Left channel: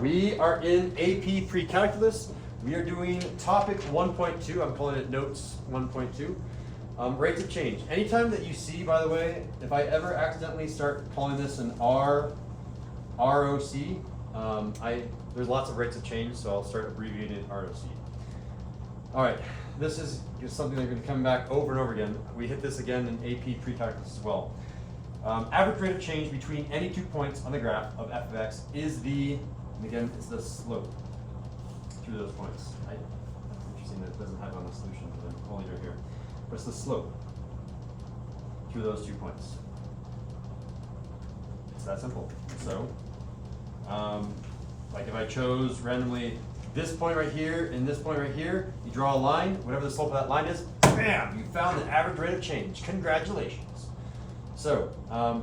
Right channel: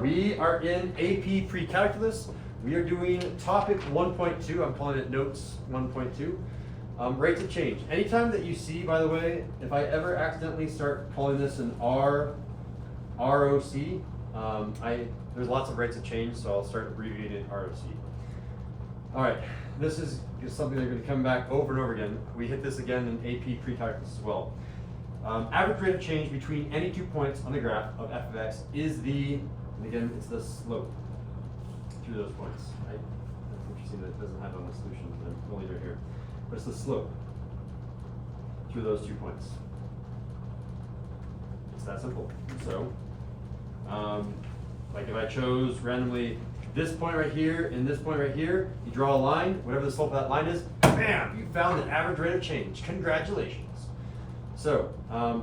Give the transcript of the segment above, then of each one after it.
We are in AP Precalculus. We are doing topic 1.2. I'm calling it notes 1.2. Rates of change. Anytime that you see, by the way, if I ever accidentally start calling this an ROC, there's lots of rates of change, so I'll start abbreviating it ROC. All right, this is something that's going to come back over and over again. We hit this again in AP Precalculus as well. Average rate of change between any 2 points on the graph of f of x is the, and again, it's the slope through those points. It's interesting that it doesn't have a solution to them, only right here. But it's the slope through those 2 points. It's that simple. So, like if I chose randomly this point right here and this point right here, you draw a line, whatever the slope of that line is, bam, you found an average rate of change. Congratulations. So,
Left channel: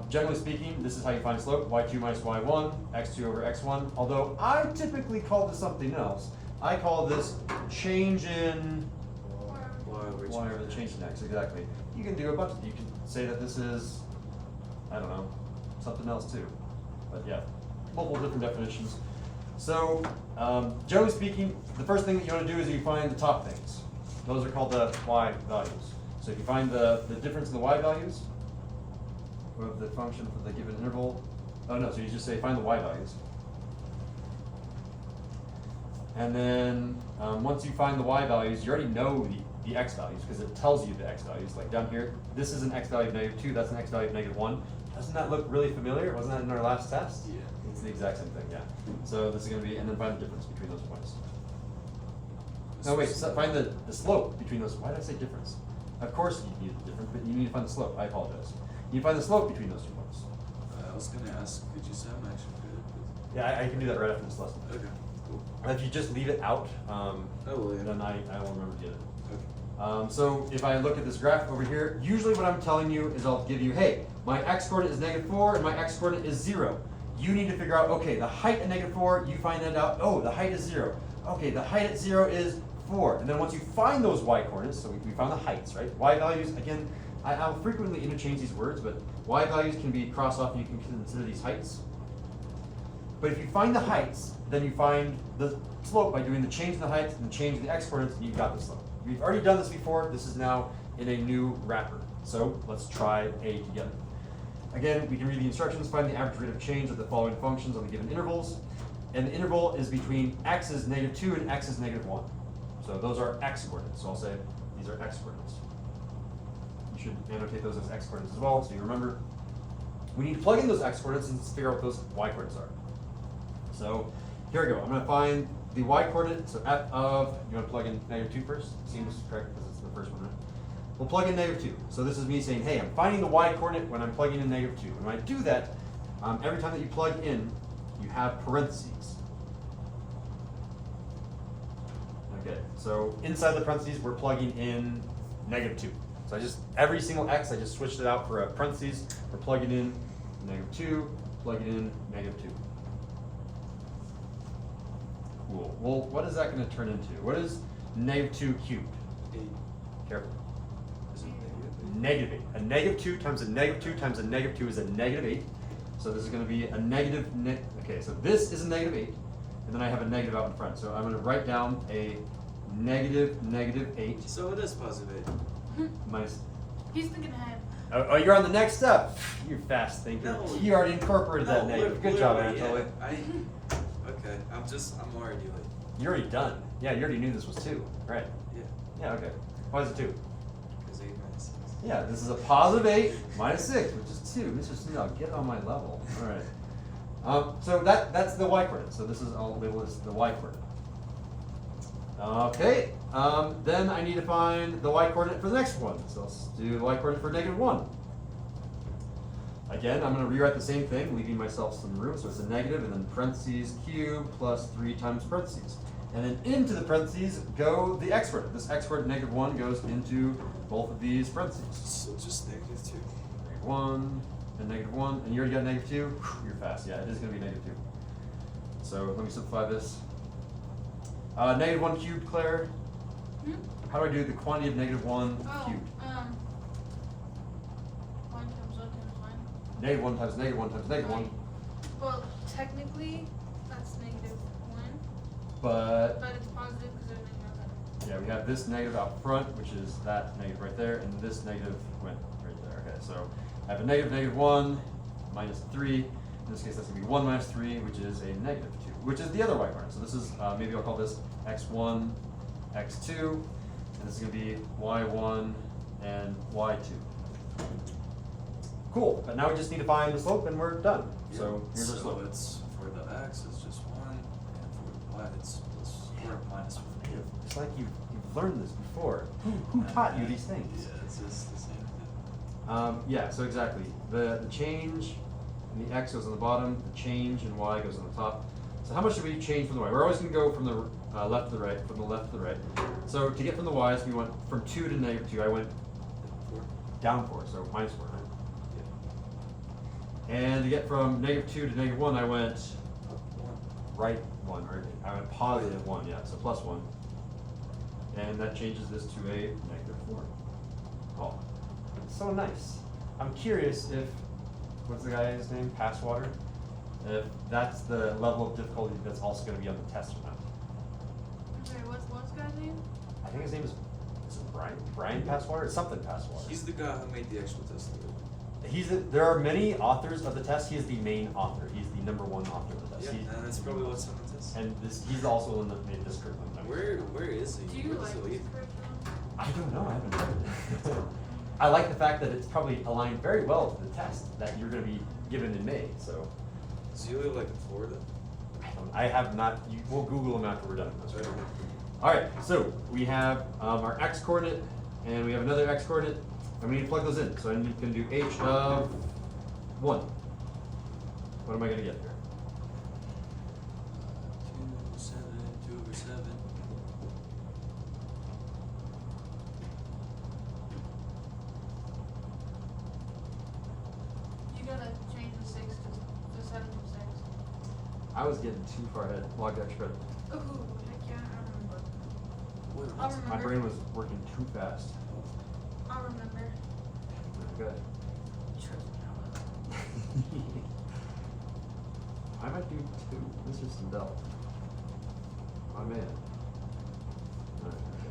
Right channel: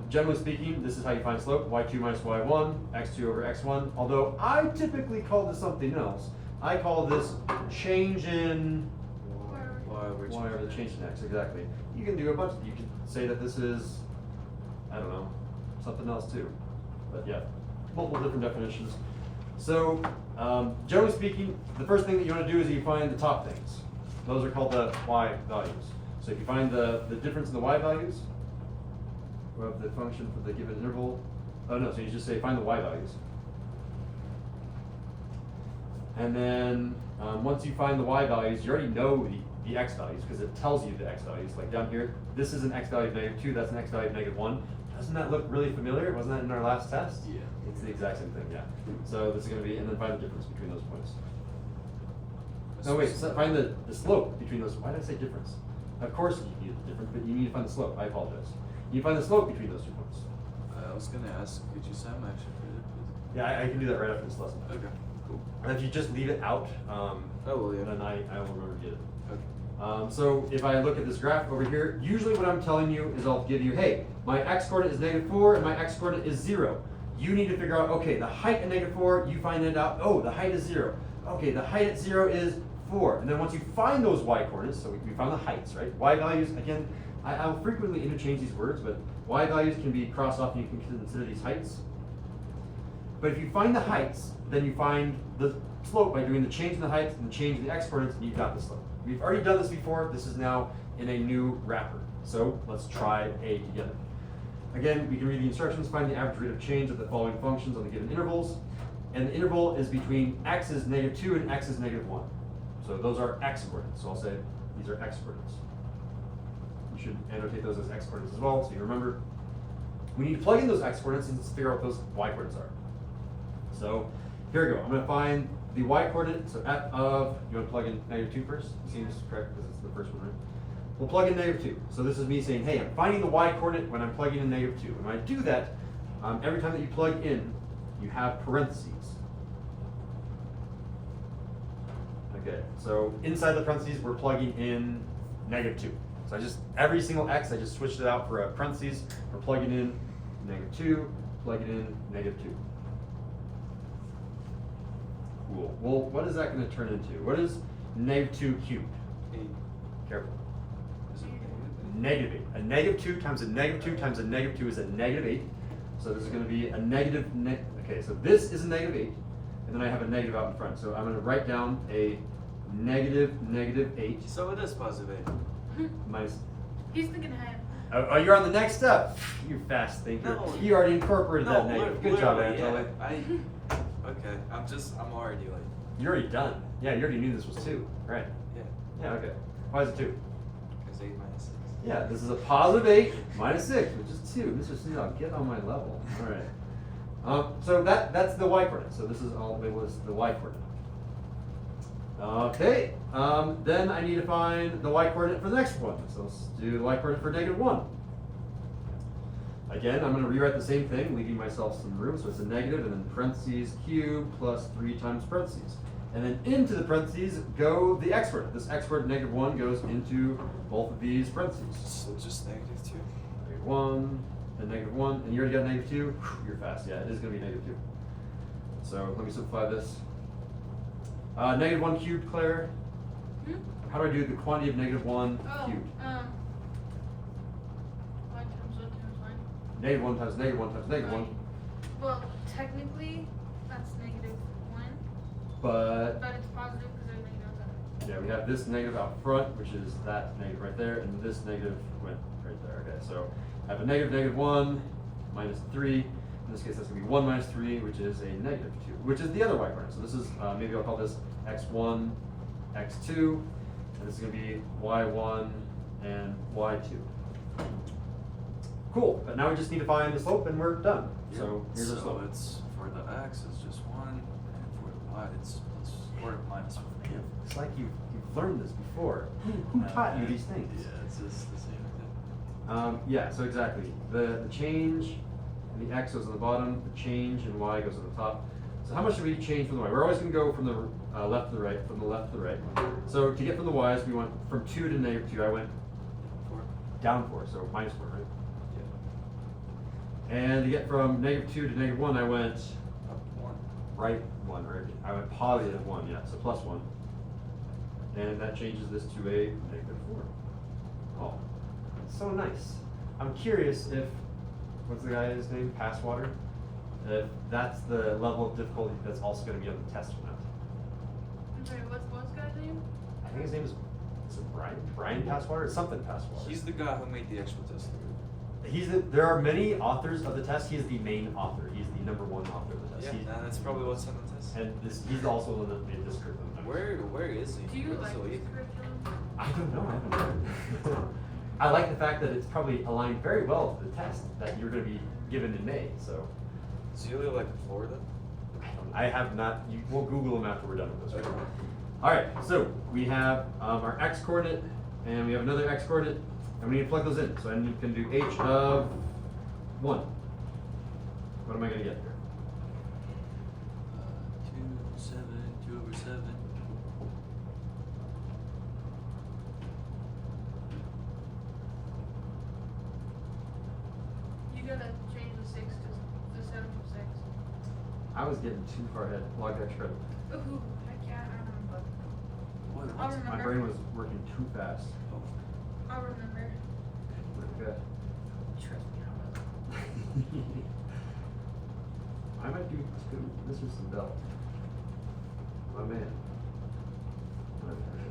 generally speaking, this is how you find slope, y2 minus y1, x2 over x1, although I typically call this something else. I call this change in y over the change in x, exactly. You can do a bunch, you can say that this is, I don't know, something else too. But yeah, multiple different definitions. So, generally speaking, the first thing that you want to do is you find the top things. Those are called the y values. So if you find the difference in the y values, of the function for the given interval. Oh no, so you just say find the y values. And then once you find the y values, you already know the x values because it tells you the x values. Like down here, this is an x value of -2, that's an x value of -1. Doesn't that look really familiar? Wasn't that in our last test? Yeah. It's the exact same thing, yeah. So this is going to be, and then find the difference between those points. No, wait, so find the slope between those. Why did I say difference? Of course you need the difference, but you need to find the slope. I apologize. You find the slope between those 2 points. I was going to ask, could you send actually for that, please? Yeah, I can do that right after this lesson. Okay, cool. And if you just leave it out, Yeah. then I will remember to get it. Okay. So if I look at this graph over here, usually what I'm telling you is I'll give you, hey, my x-coordinate is -4 and my x-coordinate is 0. You need to figure out, okay, the height at -4, you find it out, oh, the height is 0. Okay, the height at 0 is 4. And then once you find those y-coordinates, so we found the heights, right? Y values, again, I'll frequently interchange these words, but y values can be crossed off and you can consider these heights. But if you find the heights, then you find the slope by doing the change in the heights and the change in the x-coordinates, and you've got the slope. We've already done this before. This is now in a new wrapper. So let's try A together. Again, we can read the instructions, find the average rate of change of the following functions on the given intervals. And the interval is between x is -2 and x is -1. So those are x-coordinates. So I'll say these are x-coordinates. You should annotate those as x-coordinates as well, so you remember. We need to plug in those x-coordinates and figure out what those y-coordinates are. So here we go. I'm going to find the y-coordinate. So f of, you want to plug in -2 first? Seems correct because it's the first one, right? We'll plug in -2. So this is me saying, hey, I'm finding the y-coordinate when I'm plugging in -2. And when I do that, every time that you plug in, you have parentheses. Okay, so inside the parentheses, we're plugging in -2. So I just, every single x, I just switched it out for a parentheses. We're plugging in -2, plugging in -2. Cool. Well, what is that going to turn into? What is -2 cubed? 8. Careful. Is it -8. A -2 times a -2 times a -2 is a -8. So this is going to be a negative, okay, so this is a -8, and then I have a negative out in front. So I'm going to write down a -8. So it is +8. Minus. He's thinking ahead. Oh, you're on the next step. You fast thinker. No. You already incorporated that negative. Good job, literally, Angela. yeah. Okay, I'm already like. You're already done. Yeah, you already knew this was 2, right? Yeah. Yeah, okay. Why is it 2? Because 8 minus 6. Yeah, this is a +8 minus 6, which is 2. Mr. Sindel, get on my level. All right. So that's the y-coordinate. So this is all labeled as the y-coordinate. Okay, then I need to find the y-coordinate for the next one. So let's do the y-coordinate for -1. Again, I'm going to rewrite the same thing, leaving myself some room. So it's a negative, and then parentheses cubed plus 3 times parentheses. And then into the parentheses go the x-coordinate. This x-coordinate -1 goes into both of these parentheses. So just -2. -1 and -1, and you already got -2. You're fast. Yeah, it is going to be -2. So let me simplify this. -1 cubed, Claire. How do I do the quantity of -1 cubed? 1 comes up and 1. -1 times -1 times -1. Well, technically, That's -1. But But it's positive because there's negatives in it. yeah, we have this negative out front, which is that negative right there, and this negative went right there. Okay, so I have a -1 minus 3. In this case, that's going to be 1 minus 3, which is a -2, which is the other y coordinate. So this is, maybe I'll call this x1, x2, and this is going to be y1 and y2. Cool, but now we just need to find the slope and we're done. So here's the slope. It's for the x, it's just 1, and for the y, it's square root minus 1. It's like you've learned this before. Who taught you these things? Yeah, it's just the same thing. Yeah, so exactly. The change in the x goes on the bottom, the change in y goes on the top. So how much do we change from the y? We're always going to go from the left to the right, from the left to the right. So to get from the y's, we went from 2 to -2. I went 4. down 4, so -4, right? Yeah. And to get from -2 to -1, I went Up 1. right 1, or I went positive 1, yeah, so plus 1. And that changes this to a -4. Oh, it's so nice. I'm curious if, what's the guy's name? Passwater? If that's the level of difficulty that's also going to be on the test or not. Okay, what's guy's name? I think his name is it Bryan? Bryan Passwater? Something Passwater. He's the guy who made the actual test. There are many authors of the test. He is the main author. He's the #1 author of the test. Yeah, and that's probably what's on the test. And he's also the one that made this curriculum. Where is he? Do you Where like does he this live? curriculum? I don't know. I haven't read it. I like the fact that it's probably aligned very well to the test that you're going to be given in May. So Does he live like in Florida? I have not. We'll Google him after we're done with this. Right? All right. So we have our x coordinate, and we have another x coordinate, and we need to plug those in. So I'm going to do h of 1. What am I going to get here? 2, 7, 2 over 7. You gotta change the 6 to 7 to 6. I was getting too far ahead. Log extra credit. Ooh, I can't remember. Wait, I'll what's My remember. brain was working too fast. I'll remember. Okay. Trust me, I will. I might do 2. Mr. Sindel. My man. Okay.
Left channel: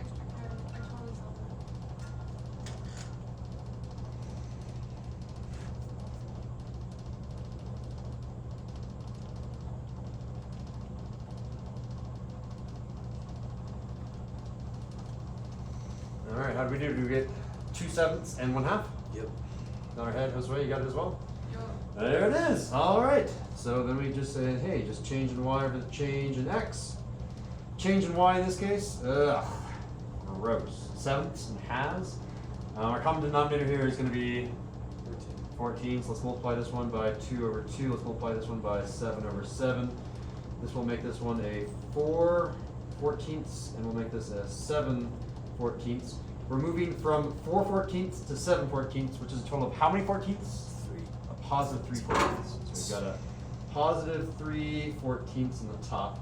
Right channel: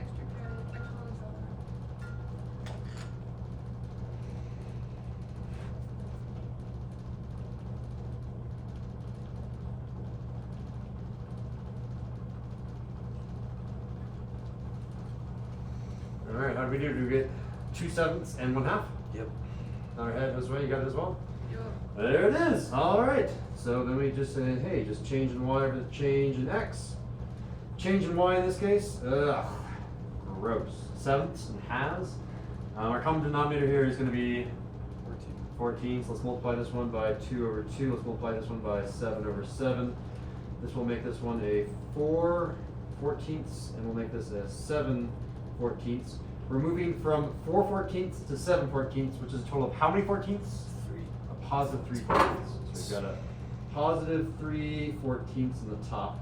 Extra credit. I totally forgot. All right, how do we do? Do we get 2/7 and 1/2? Yep. All right, head this way. You got it as well. Yo. There it is. All right. So then we just say, hey, just change in y over the change in x. Change in y in this case. Gross. 7ths and halves. Our common denominator here is going to be 14. So let's multiply this one by 2 over 2. Let's multiply this one by 7 over 7. This will make this one a 4/14, and we'll make this a 7/14. We're moving from 4/14 to 7/14, which is a total of how many 14ths? 3. A positive 3/14. So we've got a positive 3/14 in the top.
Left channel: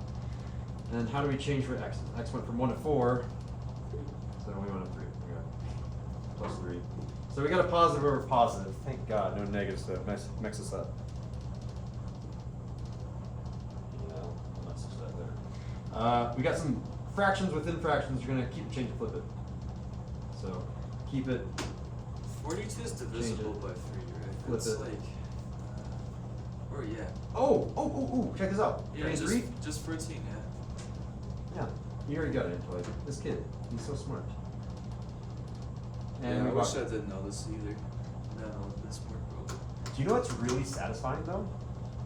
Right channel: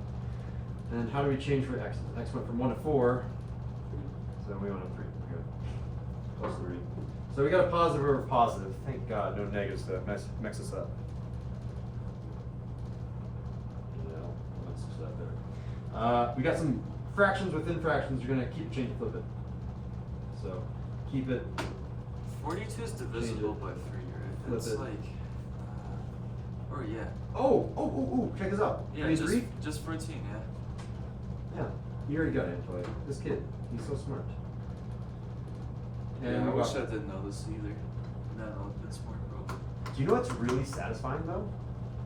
And then how do we change for x? X went from 1 to 4. So then we went to 3. We got plus 3. So we got a positive over positive. Thank God, no negative stuff. Mix us up. Yeah, that's stuff there. We got some fractions within fractions. You're going to keep, change, and flip it. So keep it. 42 is divisible by 3, right? Flip That's it. like, or yeah. Oh, check this out. Yeah, 3 and 3? just 14, yeah. Yeah, you already got it, Toy. This kid, he's so smart. Yeah, I we wish got- I didn't know this either. No, that's smart, bro. Do you know what's really satisfying though?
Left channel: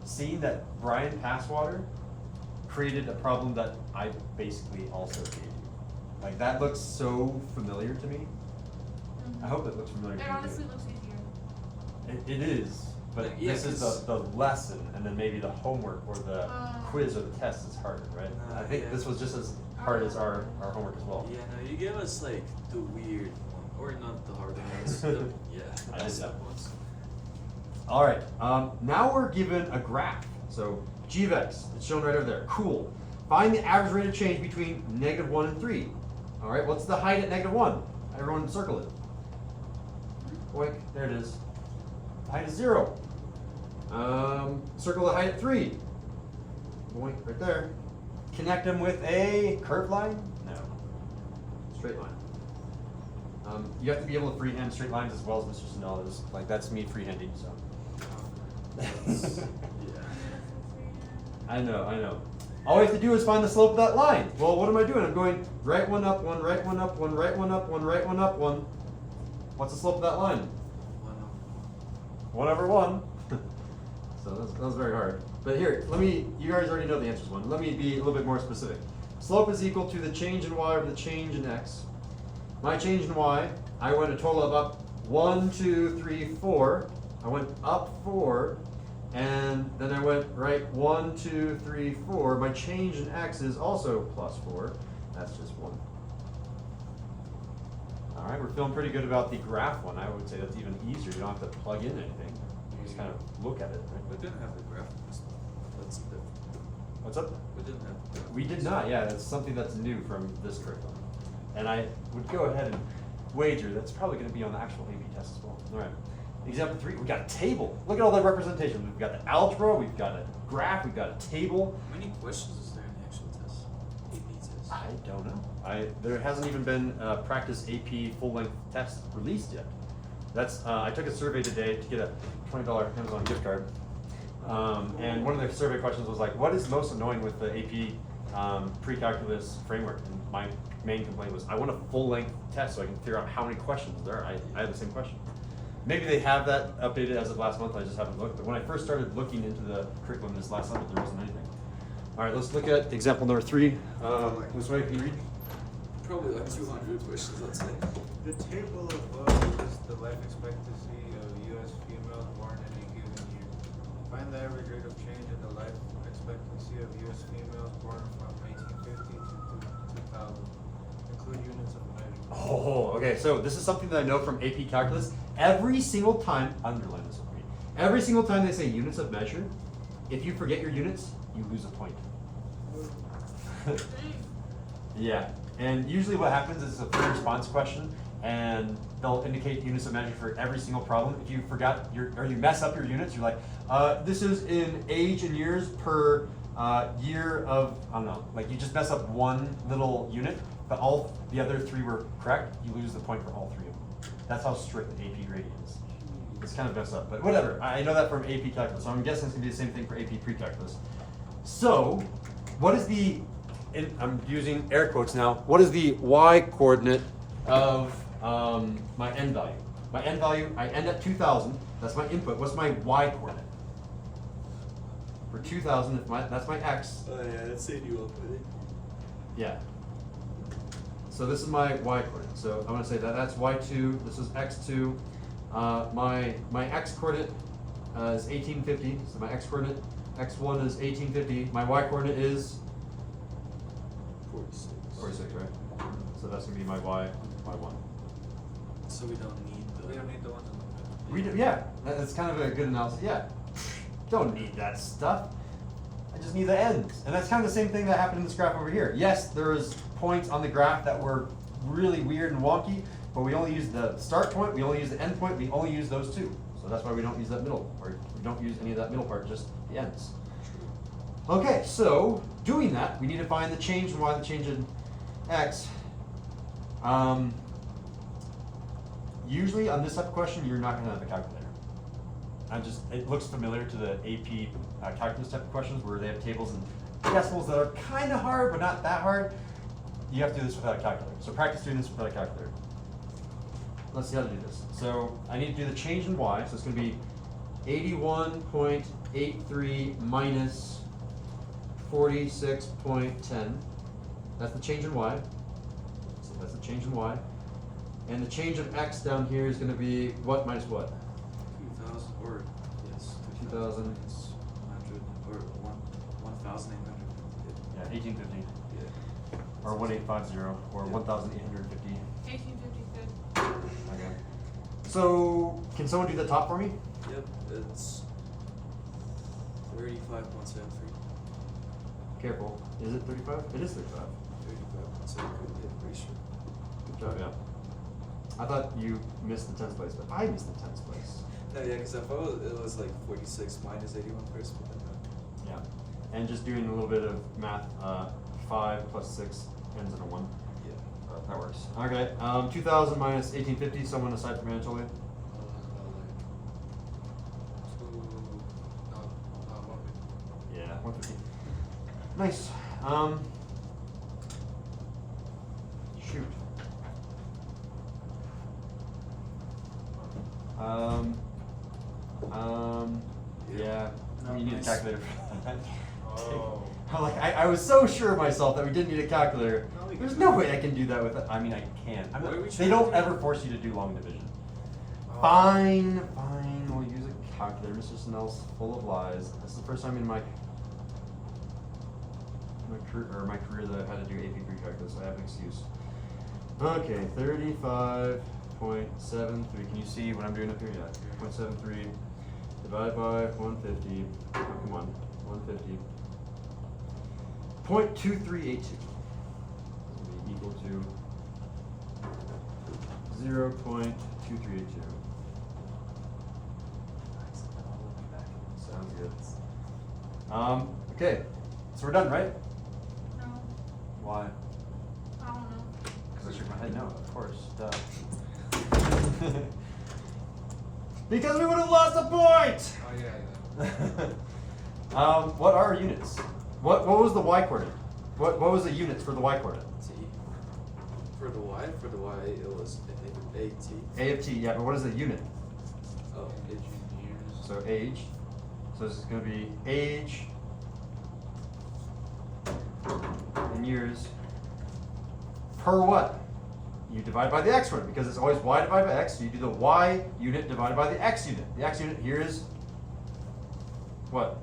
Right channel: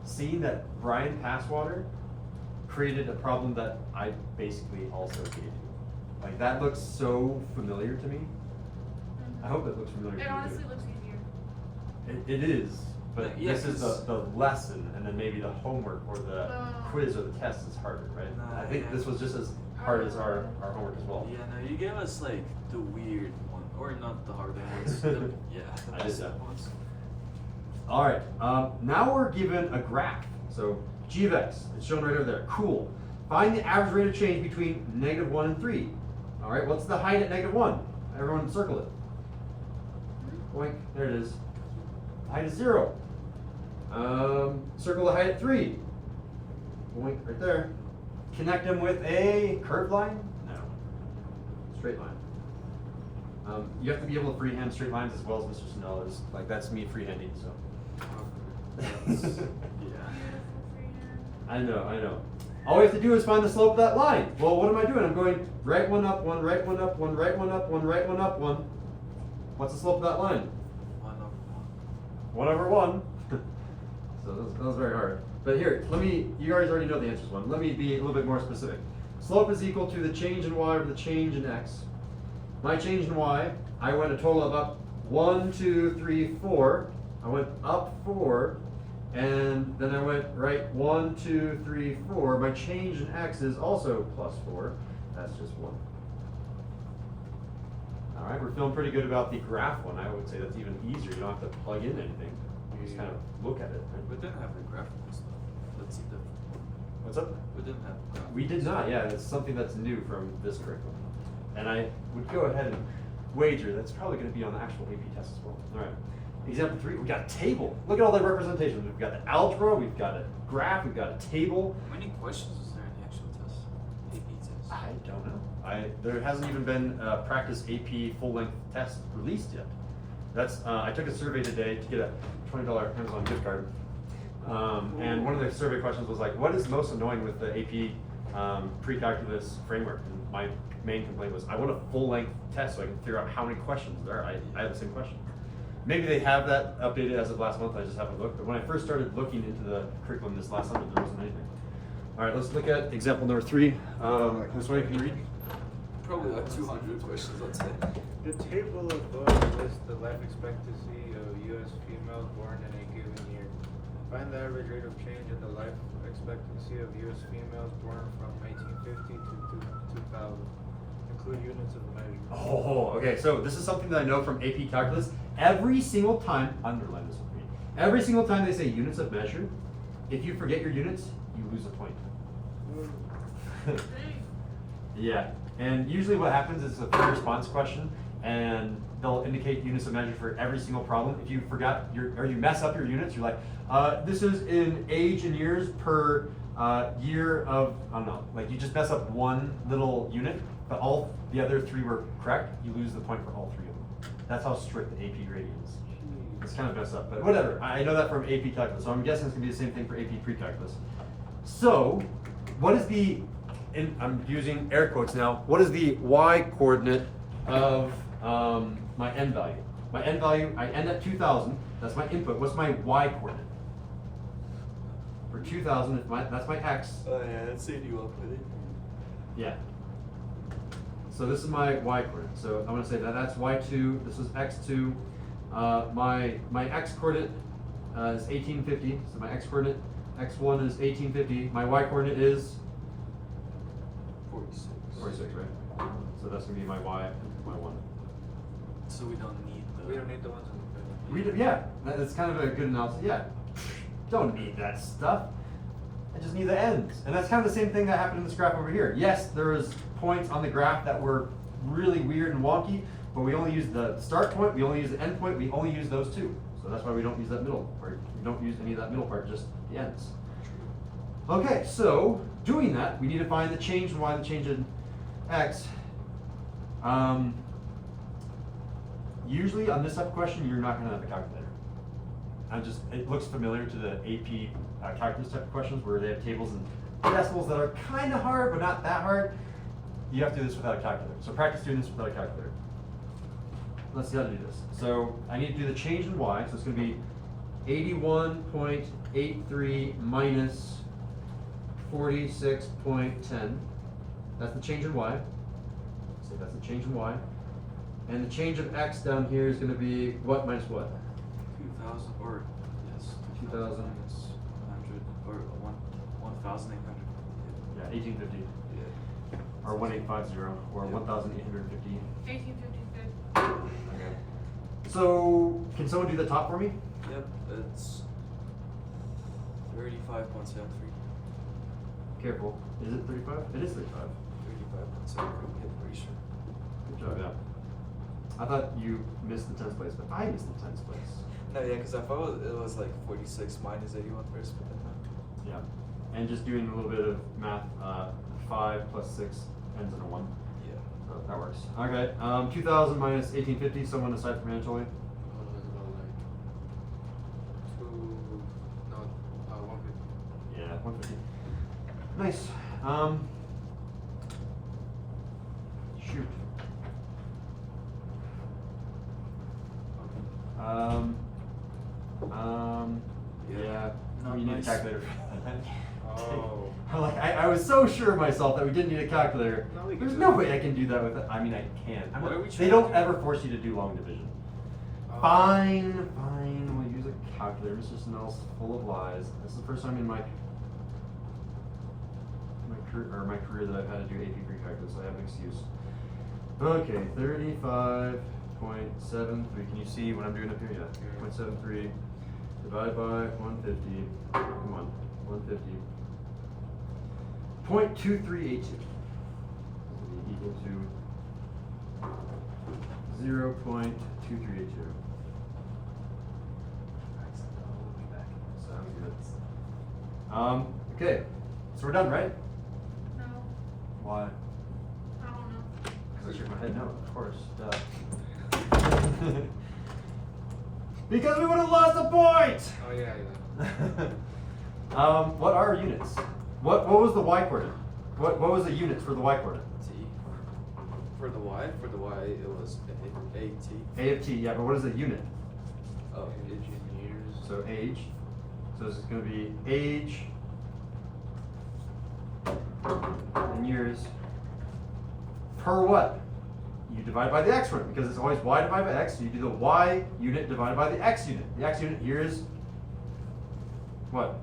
Seeing that Bryan Passwater created a problem that I basically also gave you. Like that looks so familiar to me. I hope it looks familiar It to you. honestly looks easier. It is, but Like, yeah, this is 'cause- the lesson, and then maybe the homework or the quiz or the test is harder, right? Nah, I think yeah. this was just as hard as our homework as well. Yeah, no, you gave us like the weird one, or not the harder ones. Yeah, I the did simple that. ones. All right, now we're given a graph. So g of x, it's shown right over there. Cool. Find the average rate of change between -1 and 3. All right, what's the height at -1? Everyone circle it. Boink, there it is. Height is 0. circle the height at 3. Point right there. Connect them with a curved line? No. Straight line. You have to be able to freehand straight lines as well as Mr. Sindel is. Like, that's me freehanding, so. That's, yeah. I know. All we have to do is find the slope of that line. Well, what am I doing? I'm going right one up, one, right one up, one, right one up, one, right one up, one. What's the slope of that line? 1/1. So that was very hard. But here, you guys already know the answers one. Let me be a little bit more specific. Slope is equal to the change in y over the change in x. My change in y, I went a total of up 1, 2, 3, 4. I went up 4, and then I went right 1, 2, 3, 4. My change in x is also plus 4. That's just 1. All right, we're feeling pretty good about the graph one. I would say that's even easier. You don't have to plug in anything. You just kind of look at it. Right? We didn't have the graph in this one. Let's see that. What's up? We didn't have the graph. We did not, yeah. That's something that's new from this curriculum. And I would go ahead and wager that's probably going to be on the actual AP test as well. All right. Example 3, we got a table. Look at all the representations. We've got the algebra, we've got a graph, we've got a table. How many questions is there in the actual test? AP test? I don't know. There hasn't even been a practice AP full-length test released yet. That's I took a survey today to get a $20 Amazon gift card. And one of the survey questions was like, what is most annoying with the AP Precalculus framework? And my main complaint was, I want a full-length test so I can figure out how many questions there are. I had the same question. Maybe they have that updated as of last month, I just haven't looked. But when I first started looking into the curriculum this last summer, there wasn't anything. All right, let's look at example number 3. This way, can you read? Probably like 200 questions, let's say. The table above lists the life expectancy of U.S. females born in a given year. Find the average rate of change in the life expectancy of U.S. females born from 1850 to 2000. Include units of measure. Oh, okay. So this is something that I know from AP Calculus. Every single time, underline this with me. Every single time they say units of measure, if you forget your units, you lose a point. Yeah. And usually what happens is it's a full response question, and they'll indicate units of measure for every single problem. If you forgot or you mess up your units, you're like, this is in age and years per year of, I don't know, like you just mess up one little unit, but all the other 3 were correct, you lose the point for all 3 of them. That's how strict the AP grading is. It's kind of messed up, but whatever. I know that from AP Calculus, so I'm guessing it's gonna be the same thing for AP Precalculus. So, what is I'm using air quotes now, what is the y coordinate of my n value? My n value, I end at 2000, that's my input. What's my y coordinate? For 2000, that's my x. Oh yeah, that's setting you up with it. Yeah. So this is my y coordinate. So I'm gonna say that's y2, this is x2. My x coordinate is 1850, so my x coordinate, x1 is 1850. My y coordinate is 46. 46, right? So that's gonna be my y1. So we don't need the ones in the middle. Yeah, that's kind of a good analysis. Yeah, don't need that stuff. I just need the ends. And that's kind of the same thing that happened in this graph over here. Yes, there's points on the graph that were really weird and wonky, but we only use the start point, we only use the end point, we only use those 2. So that's why we don't use that middle, or we don't use any of that middle part, just the ends. Okay, so doing that, we need to find the change in y, the change in x. Usually on this type of question, you're not gonna have a calculator. It looks familiar to the AP calculus type of questions where they have tables and decimals that are kind of hard, but not that hard. You have to do this without a calculator. So practice doing this without a calculator. Let's see how to do this. So I need to do the change in y, so it's gonna be 81.83 minus 46.10. That's the change in y. So that's the change in y. And the change of x down here is going to be what minus what? 2000 or yes, 2000 minus 100 or 1850. Yeah, 1850. Yeah. Or 1850 or 1850. 1856. Okay. So can someone do the top for me? Yep, it's 35.73. Careful. Is it 35? It is 35. 35.73. Yeah, pretty sure. Good job, yeah. I thought you missed the 10th place, but I missed the 10th place. No, yeah, because I thought it was like 46 minus 81 first, but then no. Yeah. And just doing a little bit of math, 5 plus 6 ends in a 1. Yeah. That works. Okay, 2000 minus 1850, someone aside from Anatoly? About like 150. Yeah, 150. Nice. Shoot. Yeah. Not You need a nice. calculator. Oh. I'm like, I was so sure of myself that we didn't need a calculator. No, we can There's do no it. way I can do that with. I mean, I can. What are we They trying don't to do? ever force you to do long division. Oh. Fine. We'll use a calculator. Mr. Snell's full of lies. This is the first time in my career that I've had to do AP pre-calculus. I have an excuse. Okay, 35.73. Can you see what I'm doing up here? Yeah. 0.73 divided by 150. Come on, 150. 0.2382 equal to 0.2382. Sounds good. Okay, so we're done, right? No, Why? I don't know. I shook my head no, of course. Duh. Because we would have lost a point! Oh yeah. What are units? What was the y coordinate? What was the units for the y coordinate? T. For the Y, it was AT. A of t, yeah, but what is the unit? Oh, Engineers. So age. So this is going to be age in years per what? You divide by the x one because it's always y divided by x. So you do the y unit divided by the x unit. The x unit here is what?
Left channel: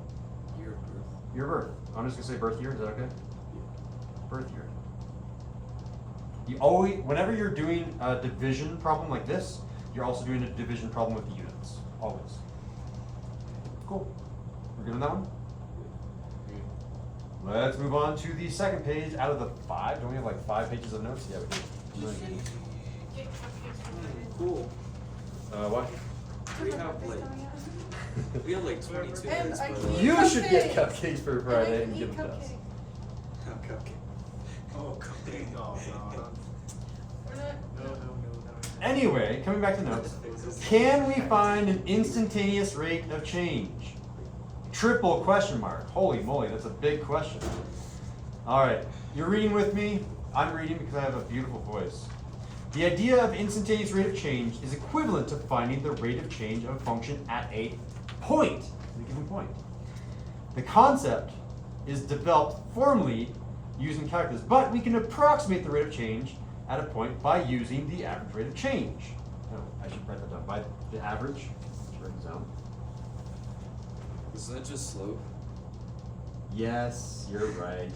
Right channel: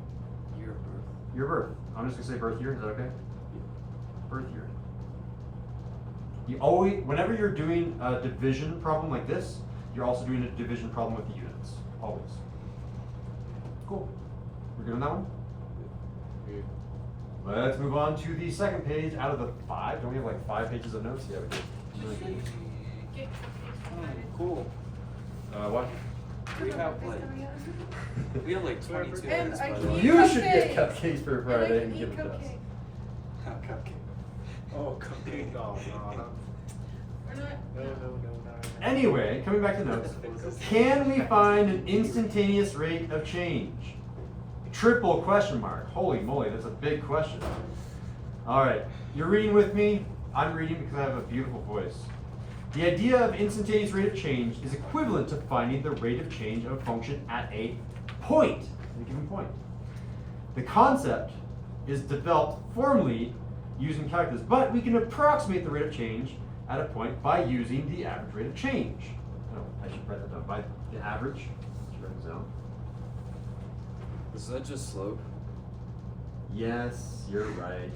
year of birth. Year of birth. I'm just gonna say birth year. Is that okay? Birth year. You always, whenever you're doing a division problem like this, you're also doing a division problem with units. Always. Cool. We're good on that one? Good. Let's move on to the second page out of the 5. Don't we have like 5 pages of notes? Yeah, we do. Really good. Get cupcakes for Friday. Cool. What? We have like we have like 22 And minutes. I By the way. can't- You should get Cupcakes. cupcakes for And I Friday can and give eat them to us. cupcakes. Cupcake. Oh, cupcake. No. Anyway, coming back to notes. Can we find an instantaneous rate of change? Triple question mark. Holy moly, that's a big question. All right, you're reading with me. I'm reading because I have a beautiful voice. The idea of instantaneous rate of change is equivalent to finding the rate of change of a function at a point, at a given point. The concept is developed formally using calculus, but we can approximate the rate of change at a point by using the average rate of change. Oh, I should write that down. By the average. Let's write this down. Is that just slope? Yes, you're right.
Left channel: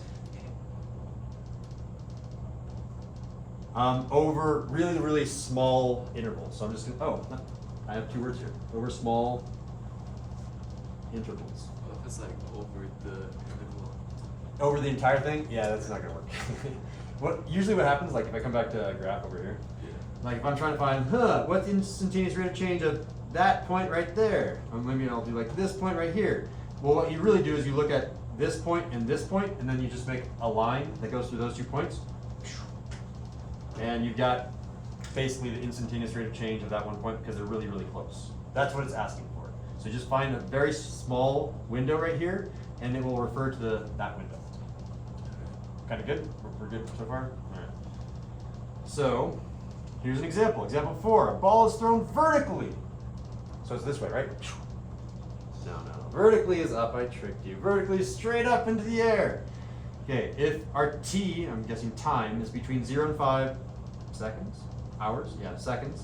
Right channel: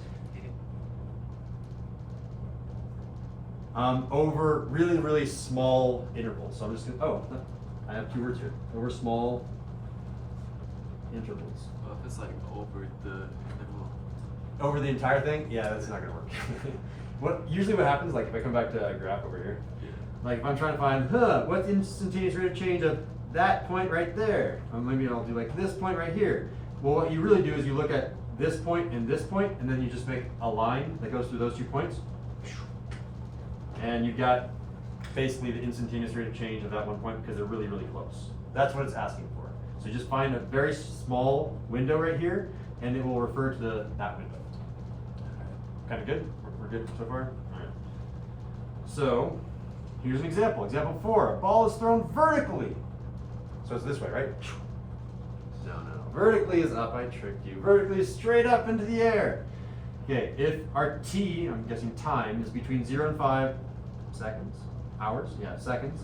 Over really, really small intervals. So I'm just gonna, oh, no, I have 2 words here. Over small intervals. Well, if it's like over the middle. Over the entire thing? Yeah, that's not gonna work. Usually what happens, like if I come back to a graph over here, Yeah. like if I'm trying to find, what's instantaneous rate of change at that point right there? Or maybe I'll do like this point right here. Well, what you really do is you look at this point, and then you just make a line that goes through those 2 points. And you've got basically the instantaneous rate of change of that one point because they're really, really close. That's what it's asking for. So you just find a very small window right here, and it will refer to that window. Kind of good? We're good so far? All right. So, here's an example. Example 4. A ball is thrown vertically. So it's this way, right? No. Vertically is up. I tricked you. Vertically is straight up into the air. Okay, if our t, I'm guessing time, is between 0 and 5 seconds, hours, yeah, seconds.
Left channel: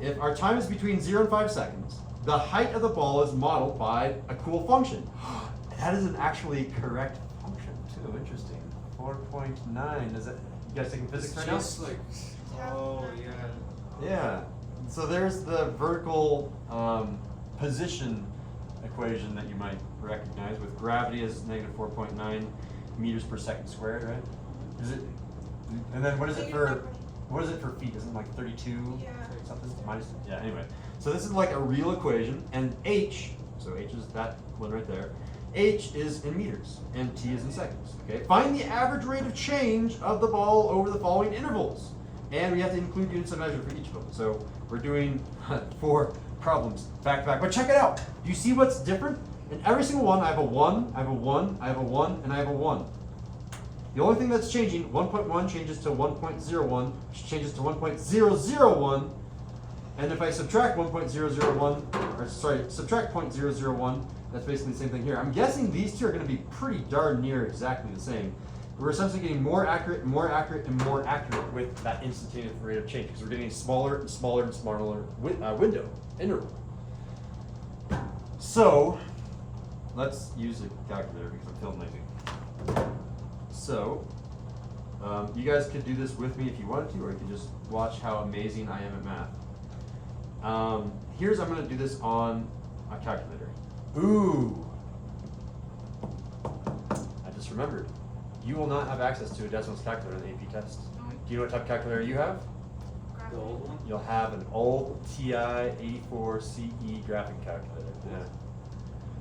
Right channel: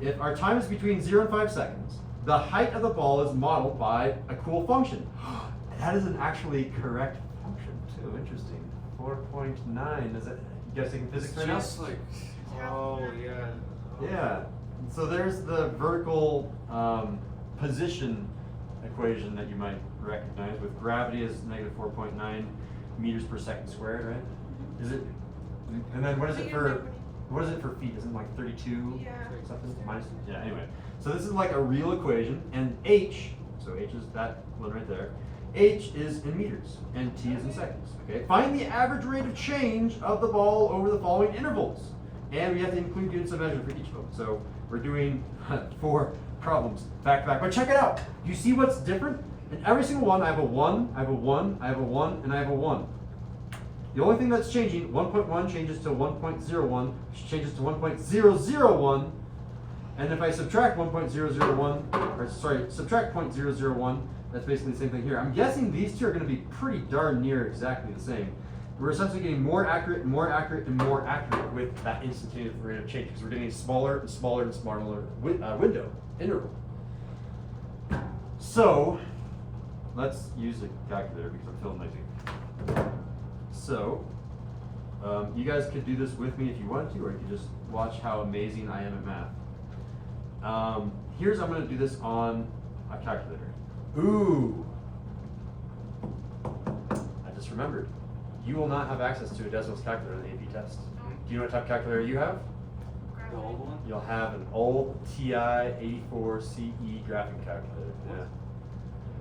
If our time is between 0 and 5 seconds, the height of the ball is modeled by a cool function. That is an actually correct function too. Interesting. 4.9. Is that, you guys taking physics right now? Just like Oh yeah. Yeah. So there's the vertical position equation that you might recognize with gravity is negative 4.9 meters per second squared, right? Is it? And then what is it for feet? Isn't it like 32 Yeah. something? Minus, yeah, anyway. So this is like a real equation, and h, so h is that one right there, h is in meters, and t is in seconds, okay? Find the average rate of change of the ball over the following intervals. And we have to include units of measure for each one. So we're doing 4 problems back to back. But check it out. Do you see what's different? In every single one, I have a 1, I have a 1, I have a 1, and I have a 1. The only thing that's changing, 1.1 changes to 1.01, which changes to 1.001, and if I subtract 1.001, or sorry, subtract 0.001, that's basically the same thing here. I'm guessing these two are going to be pretty darn near exactly the same. We're essentially getting more accurate, and more accurate, and more accurate with that instantaneous rate of change, because we're getting a smaller and smaller and smaller window, interval. So, let's use a calculator because I'm feeling lazy. So, you guys could do this with me if you wanted to, or you could just watch how amazing I am at math. I'm going to do this on a calculator. Ooh! I just remembered. You will not have access to a decimals calculator in the AP test. Do you know what type of calculator you have? The old one? You'll have an old TI 84 CE graphing calculator. Yeah.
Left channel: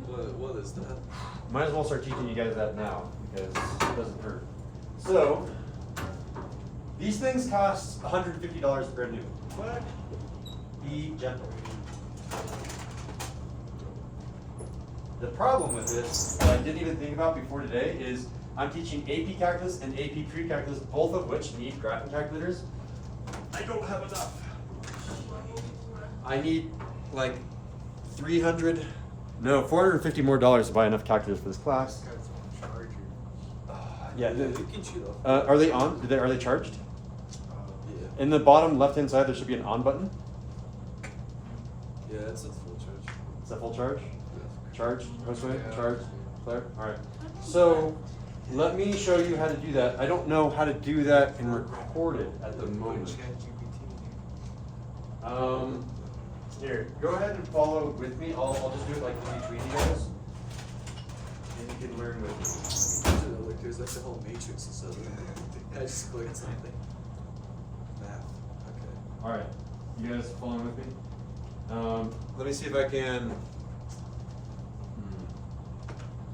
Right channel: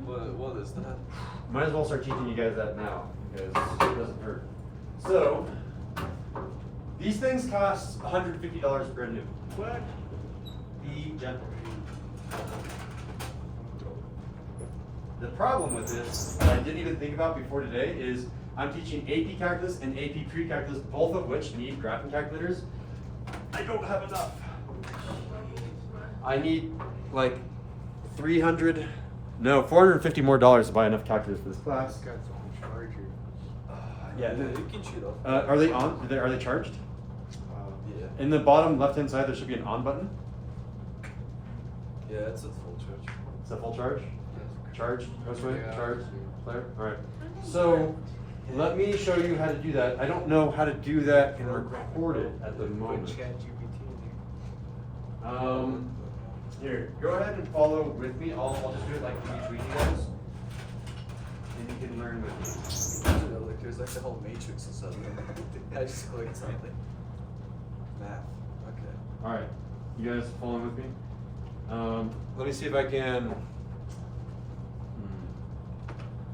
What is that? Might as well start teaching you guys that now, because it doesn't hurt. So, these things cost $150 brand new. What? Be gentle. The problem with this, that I didn't even think about before today, is I'm teaching AP Calculus and AP Pre-Calculus, both of which need graphing calculators. I don't have enough. I need like $450 more to buy enough calculators for this class. Got its own charger. Yeah. You can cheat off. Are they on? Are they charged? Yeah. In the bottom left-hand side, there should be an on button. Yeah, it's a full charge. Is that full charge? Charge? Josue? Yeah. Charge? Claire? Alright. So, let me show you how to do that. I don't know how to do that and record it at the Put moment. ChatGPT in Here, go ahead and follow with me. I'll just do it like between you guys. And you can learn with me. Like, there's like the whole matrix or something. I just clicked something. Math. Okay. Alright. You guys following with me? Let me see if I can.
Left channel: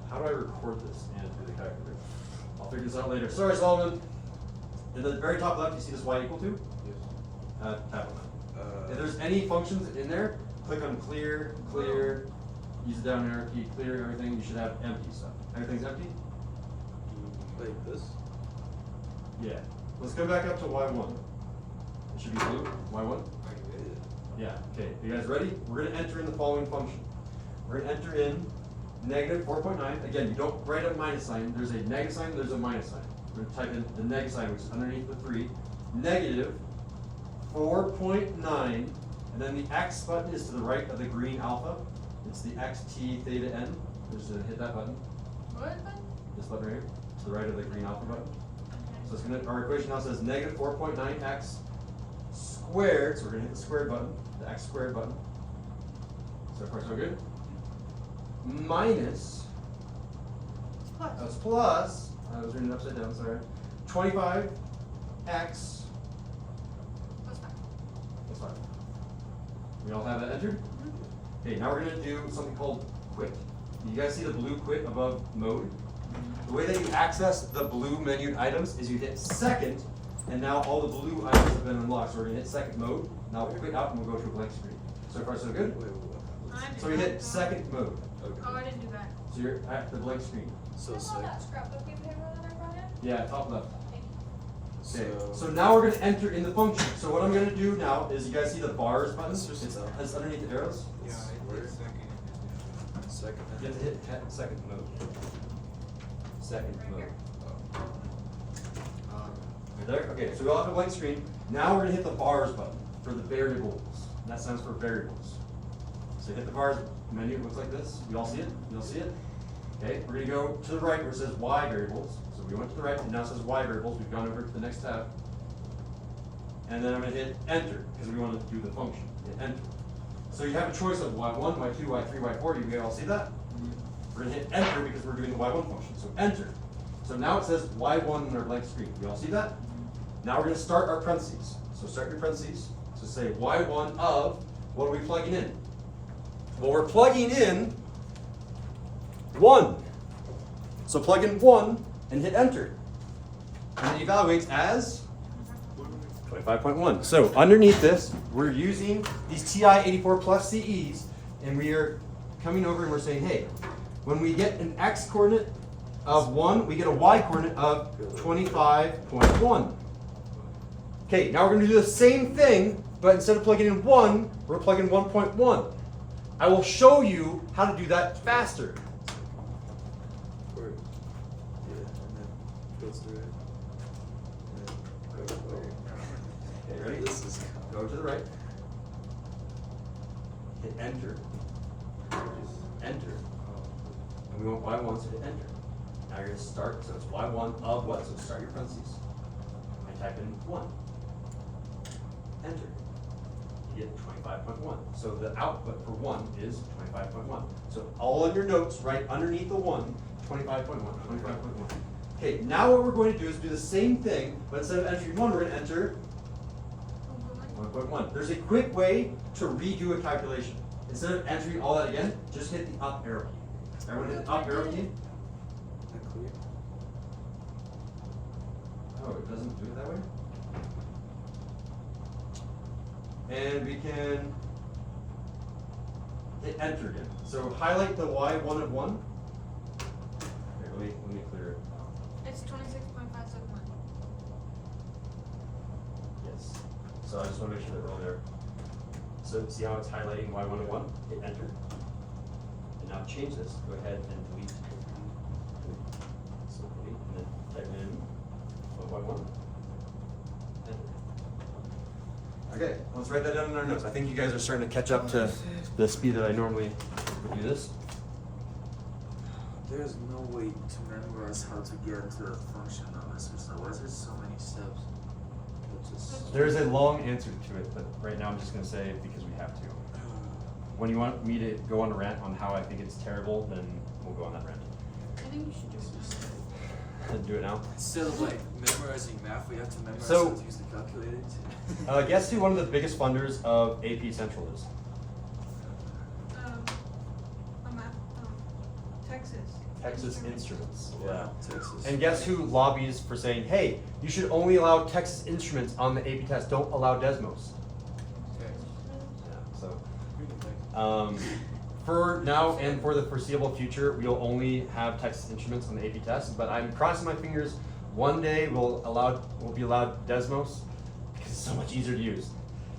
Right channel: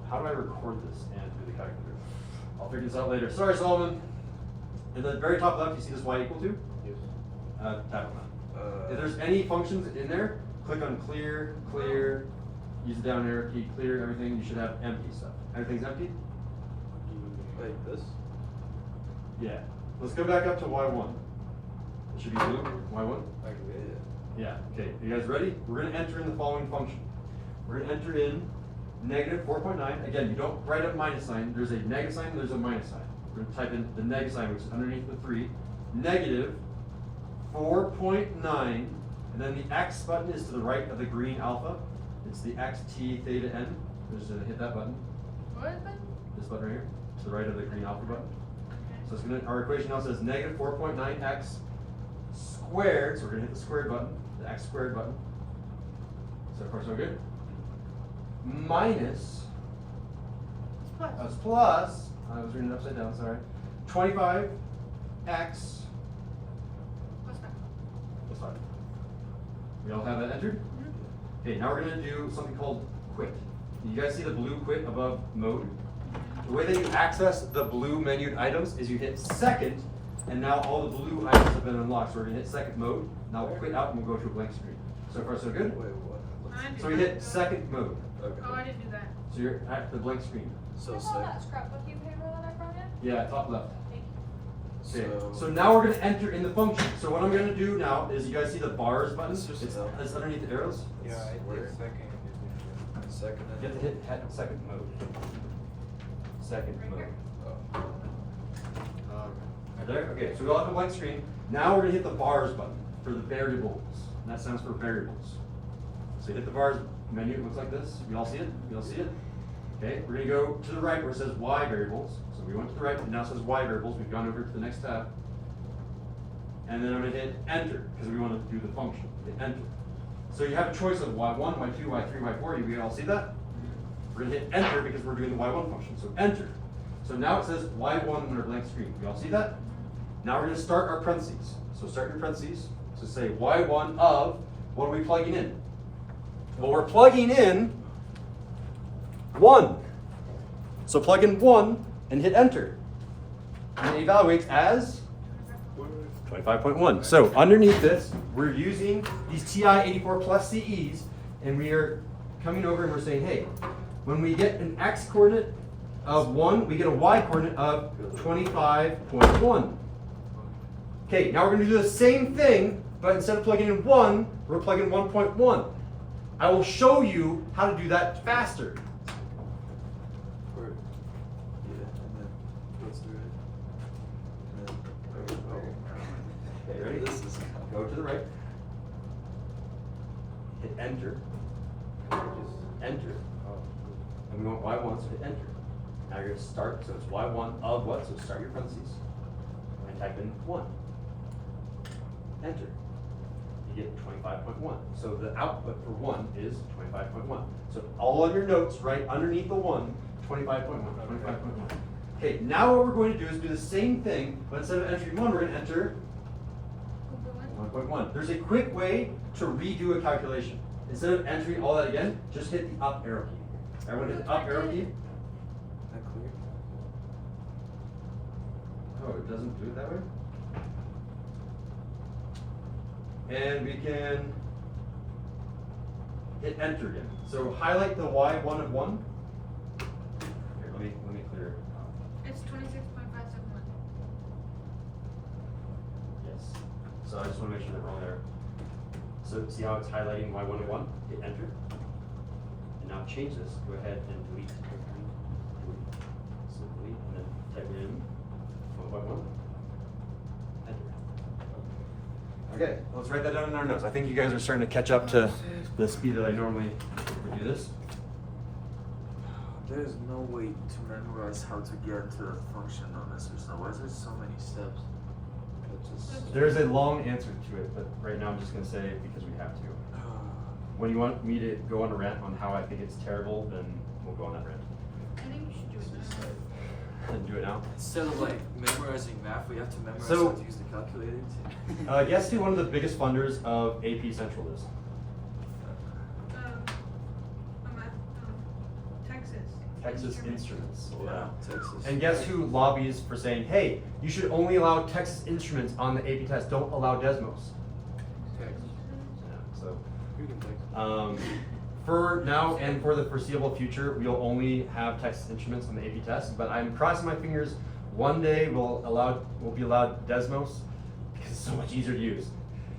How do I record this and do the calculator? I'll figure this out later. Sorry, Solomon. In the very top left, you see this y equal to? Yes. Tap on that. If there's any functions in there, click on clear, clear, use the down arrow key, clear everything. You should have empty stuff. Everything's empty? Wait, this? Yeah. Let's go back up to y1. It should be blue. y1? Yeah. Okay. You guys ready? We're going to enter in the following function. We're going to enter in negative 4.9. Again, you don't write up minus sign. There's a negative sign, there's a minus sign. We're going to type in the negative sign, which is underneath the 3. Negative 4.9, and then the X button is to the right of the green alpha. It's the X, T, theta, N. We're just going to hit that button. What button? This button right here, to the right of the green alpha button. Okay. So it's going to, our equation now says negative 4.9x squared, so we're going to hit the squared button, the X squared button. So far so good. Minus, It's plus. that's plus, I was reading it upside down, sorry, 25x Plus 5. plus 5. We all have that entered? Okay, now we're going to do something called quit. You guys see the blue quit above mode? The way that you access the blue menued items is you hit second, and now all the blue items have been unlocked. So we're going to hit second mode. Now we'll quit out and we'll go to a blank screen. So far so good? Wait, what? So we hit second mode. Okay. Oh, I didn't do that. So you're at the blank screen. So What's all sick. that scrapbooking paper that I brought in? Yeah, top left. Thank you. Okay, so now we're going to enter in the function. So what I'm going to do now is, you guys see the bars button? It's just It's enough. underneath the arrows. Yeah, I did second. Second. You have to hit second mode. Second Right mode. here. Right there? Okay, so we all have a blank screen. Now we're going to hit the bars button for the variables. And that stands for variables. So you hit the bars menu, it looks like this. You all see it? You all see it? Okay, we're going to go to the right where it says Y variables. So we went to the right, and now it says Y variables. We've gone over to the next tab. And then I'm going to hit enter, because we want to do the function. Hit enter. So you have a choice of Y1, Y2, Y3, Y4. You all see that? We're going to hit enter because we're doing the Y1 function. So enter. So now it says Y1 on our blank screen. You all see that? Now we're going to start our parentheses. So start your parentheses. So say Y1 of what are we plugging in? Well, we're plugging in 1. So plug in 1 and hit enter. And it evaluates as 25.1. So underneath this, we're using these TI 84 plus CEs, and we are coming over and we're saying, hey, when we get an x coordinate of 1, we get a y coordinate of 25.1. Okay, now we're going to do the same thing, but instead of plugging in 1, we're plugging 1.1. I will show you how to do that faster. Or, yeah, and then go through it. And then go. Okay, ready? This is Go to the right. Hit enter. Just enter. And we want y1, so hit enter. Now you're going to start, so it's y1 of what? So start your parentheses. And I type in 1. Enter. You get 25.1. So the output for 1 is 25.1. So all of your notes right underneath the 1, 25.1, 25.1. Okay, now what we're going to do is do the same thing, but instead of entering 1, we're going to enter 1.1. There's a quick way to redo a calculation. Instead of entering all that again, just hit the up arrow key. Everyone hit the up arrow key. that clear. Oh, it doesn't do it that way? And we can hit enter again. So highlight the y1 of 1. Here, let me clear it. It's 26.571. Yes. So I just want to make sure that we're all there. So see how it's highlighting y1 of 1? Hit enter. And now change this. Go ahead and delete. So delete and then type in y1. Okay, let's write that down in our notes. I think you guys are starting to catch up to the speed that I normally do this. There is no way to memorize how to get into a function on this system. Why is there so many steps? It's just, There is a long answer to it, but right now I'm just going to say it because we have to. When you want me to go on a rant on how I think it's terrible, then we'll go on that rant. I think we should do that. And do it now. instead of like memorizing math, we have to memorize So- how to use the calculator too. Guess who one of the biggest funders of AP Central is? I'm at Texas. Texas Instruments. Wow, Texas. And guess who lobbies for saying, hey, you should only allow Texas Instruments on the AP test, don't allow Desmos. Yeah, so for now and for the foreseeable future, we'll only have Texas Instruments on the AP test, but I'm crossing my fingers one day we'll be allowed Desmos because it's so much easier to use.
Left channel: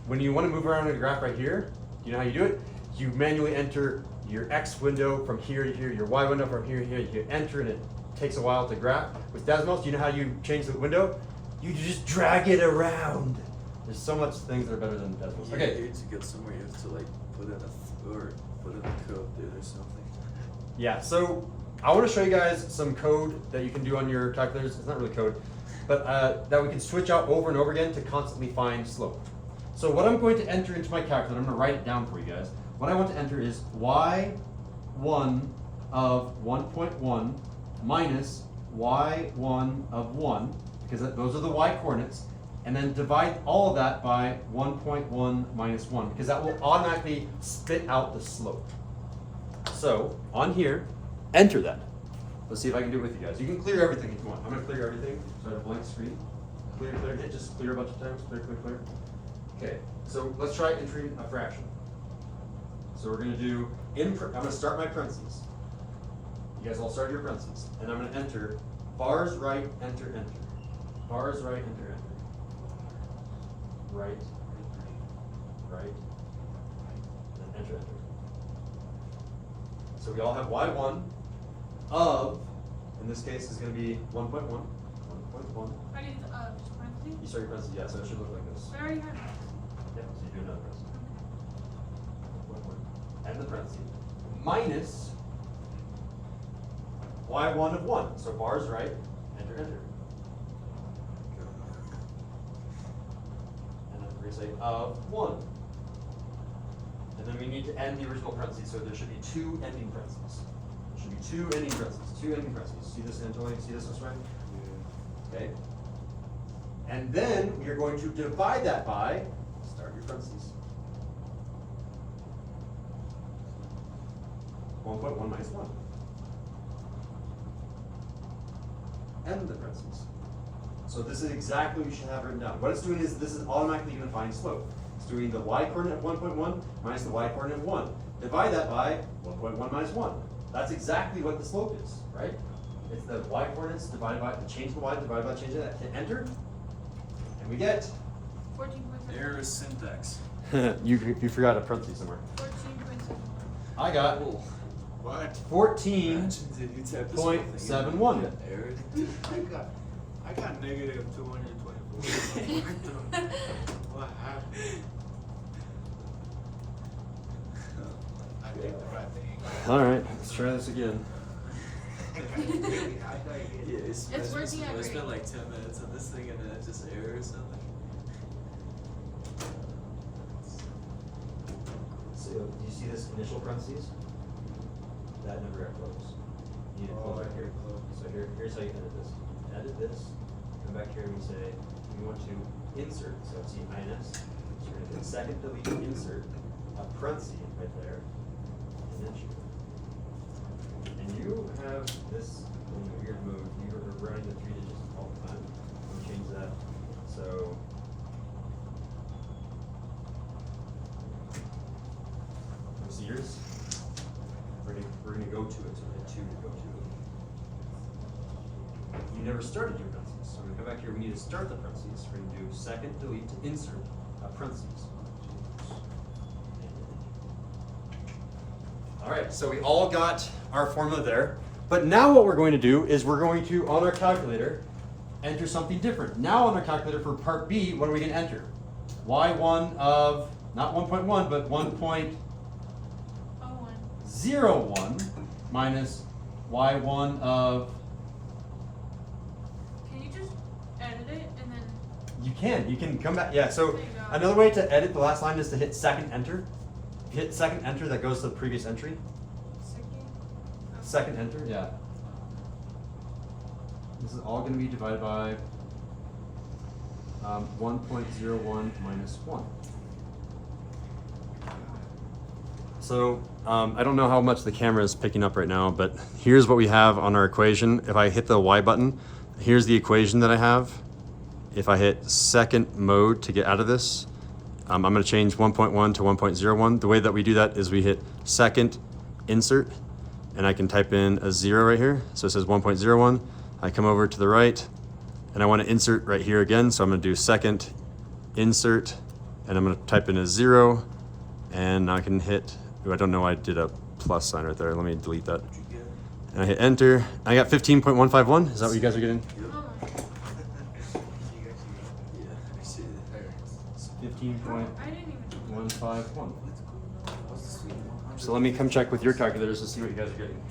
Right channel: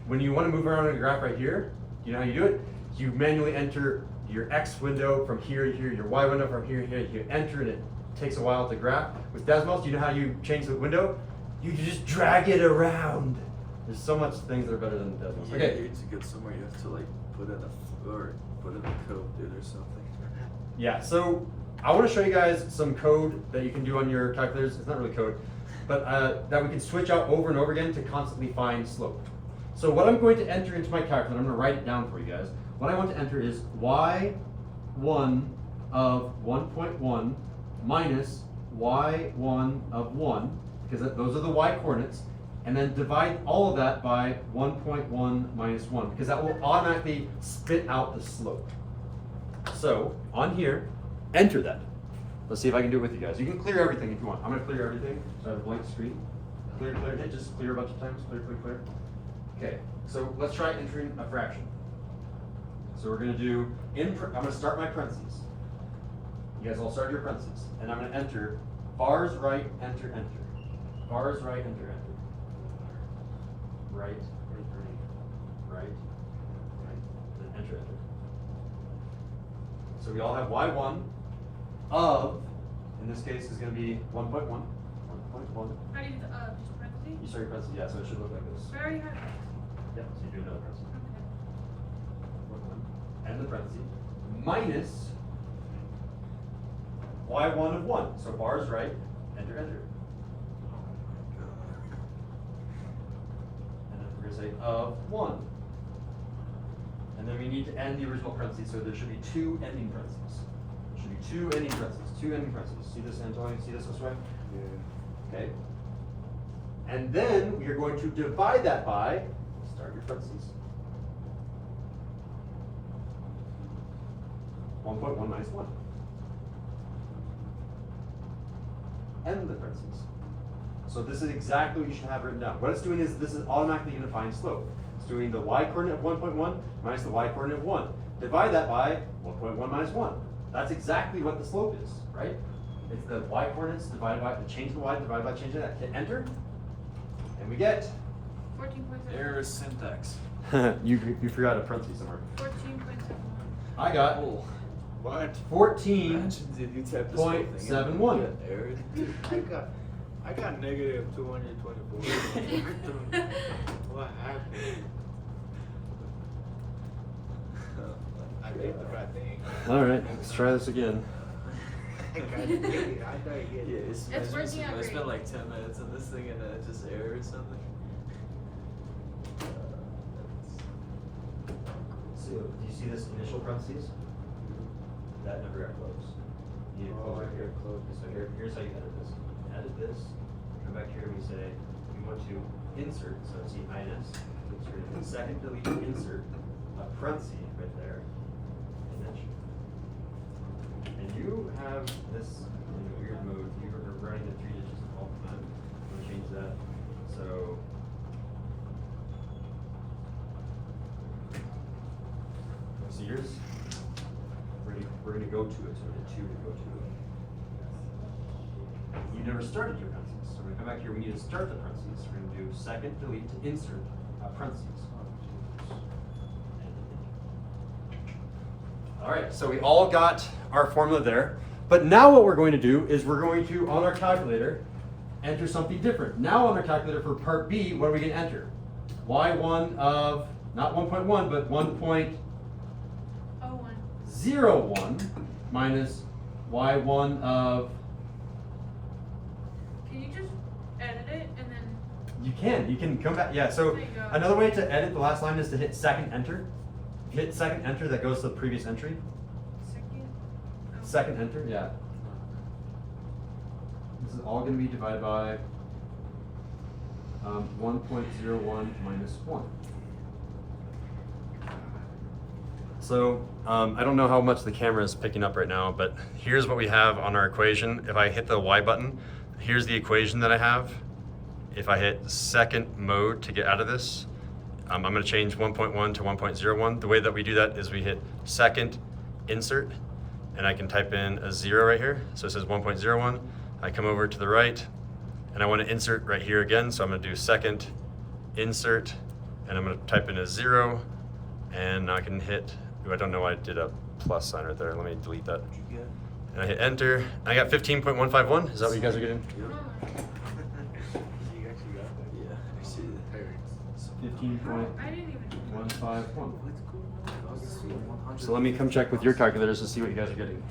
When you want to move around on a graph right here, you know how you do it? You manually enter your X window from here to here, your Y window from here to here, you enter and it takes a while to graph. With Desmos, you know how you change the window? You just drag it around. There's so much things that are better than Desmos. Yeah, Okay. here to get somewhere, you have to like put in a code there or something. Yeah, so I want to show you guys some code that you can do on your calculators. It's not really code, but that we can switch out over and over again to constantly find slope. So what I'm going to enter into my calculator, I'm going to write it down for you guys. What I want to enter is y1 of 1.1 minus y1 of 1, because those are the y coordinates, and then divide all of that by 1.1 minus 1, because that will automatically spit out the slope. So on here, enter that. Let's see if I can do it with you guys. You can clear everything if you want. I'm going to clear everything. So I have a blank screen. Clear, clear, hit just clear a bunch of times. Clear, clear, clear. Okay, so let's try entering a fraction. So we're going to do, I'm going to start my parentheses. You guys all start your parentheses. And I'm going to enter bars right, enter, enter. Bars right, enter, enter. Right, right, and then enter, enter. So we all have y1 of, in this case, is going to be 1.1. 1.1. How do you, just parentheses? You start your parentheses, yeah, so it should look like this. I already had it. Yeah, so you do another parenthesis. Okay. And the parentheses minus y1 of 1. So bars right, enter, enter. And then we're going to say of 1. And then we need to end the original parentheses, so there should be 2 ending parentheses. There should be 2 ending parentheses, 2 ending parentheses. See this, Antonio? See this way? Yeah. Okay. And then we are going to divide that by, start your parentheses, 1.1 minus 1. End the parentheses. So this is exactly what you should have written down. What it's doing is this is automatically going to find slope. It's doing the y coordinate of 1.1 minus the y coordinate of 1. Divide that by 1.1 minus 1. That's exactly what the slope is, right? It's the y coordinates divided by the change of the y divided by change of that. Hit enter, and we get 14.7. Error syntax. you forgot a parenthesis somewhere. 14.7. I got Oh, What? 14. imagine if you type this whole thing in. 0.71. Error. I got negative 224. What happened? I did the right thing. All right, let's try this again. I got negative. I thought you Yeah, get it's It's working out I great. spent like 10 minutes on this thing and then it just error or something. So, do you see this initial parentheses? That never got closed. You need to close right here. So here's how you edit this. Edit this. Come back here and we say we want to insert. So see INS. So we're going to second delete insert a parenthesis right there. And then shoot. And you have this in a weird mode. You are running the 3 digits all the time. We'll change that. So. See yours? We're gonna go to it, so hit 2 to go to it. You never started your parentheses, so we're gonna come back here, we need to start the parentheses. We're gonna do second delete to insert a parentheses. All right, so we all got our formula there, but now what we're going to do is we're going to, on our calculator, enter something different. Now on our calculator for part B, what are we gonna enter? Y1 of, not 1.1, but 1.01 minus y1 of. Can you just edit it and then? You can come back. Yeah, so There you go. another way to edit the last line is to hit second enter. If you hit second enter, that goes to the previous entry. Second enter, yeah. This is all going to be divided by 1.01 minus 1. So I don't know how much the camera is picking up right now, but here's what we have on our equation. If I hit the Y button, here's the equation that I have. If I hit second mode to get out of this, I'm going to change 1.1 to 1.01. The way that we do that is we hit second insert, and I can type in a 0 right here. So it says 1.01. I come over to the right, and I want to insert right here again. So I'm going to do second insert, and I'm going to type in a 0, and I can hit. Ooh, I don't know why I did a plus sign right there. Let me delete that. And I hit enter. I got 15.151. Is that what you guys are getting? You actually got that. Yeah, I see the errors. 15.151. I didn't even. So let me come check with your calculators to see what you guys are getting.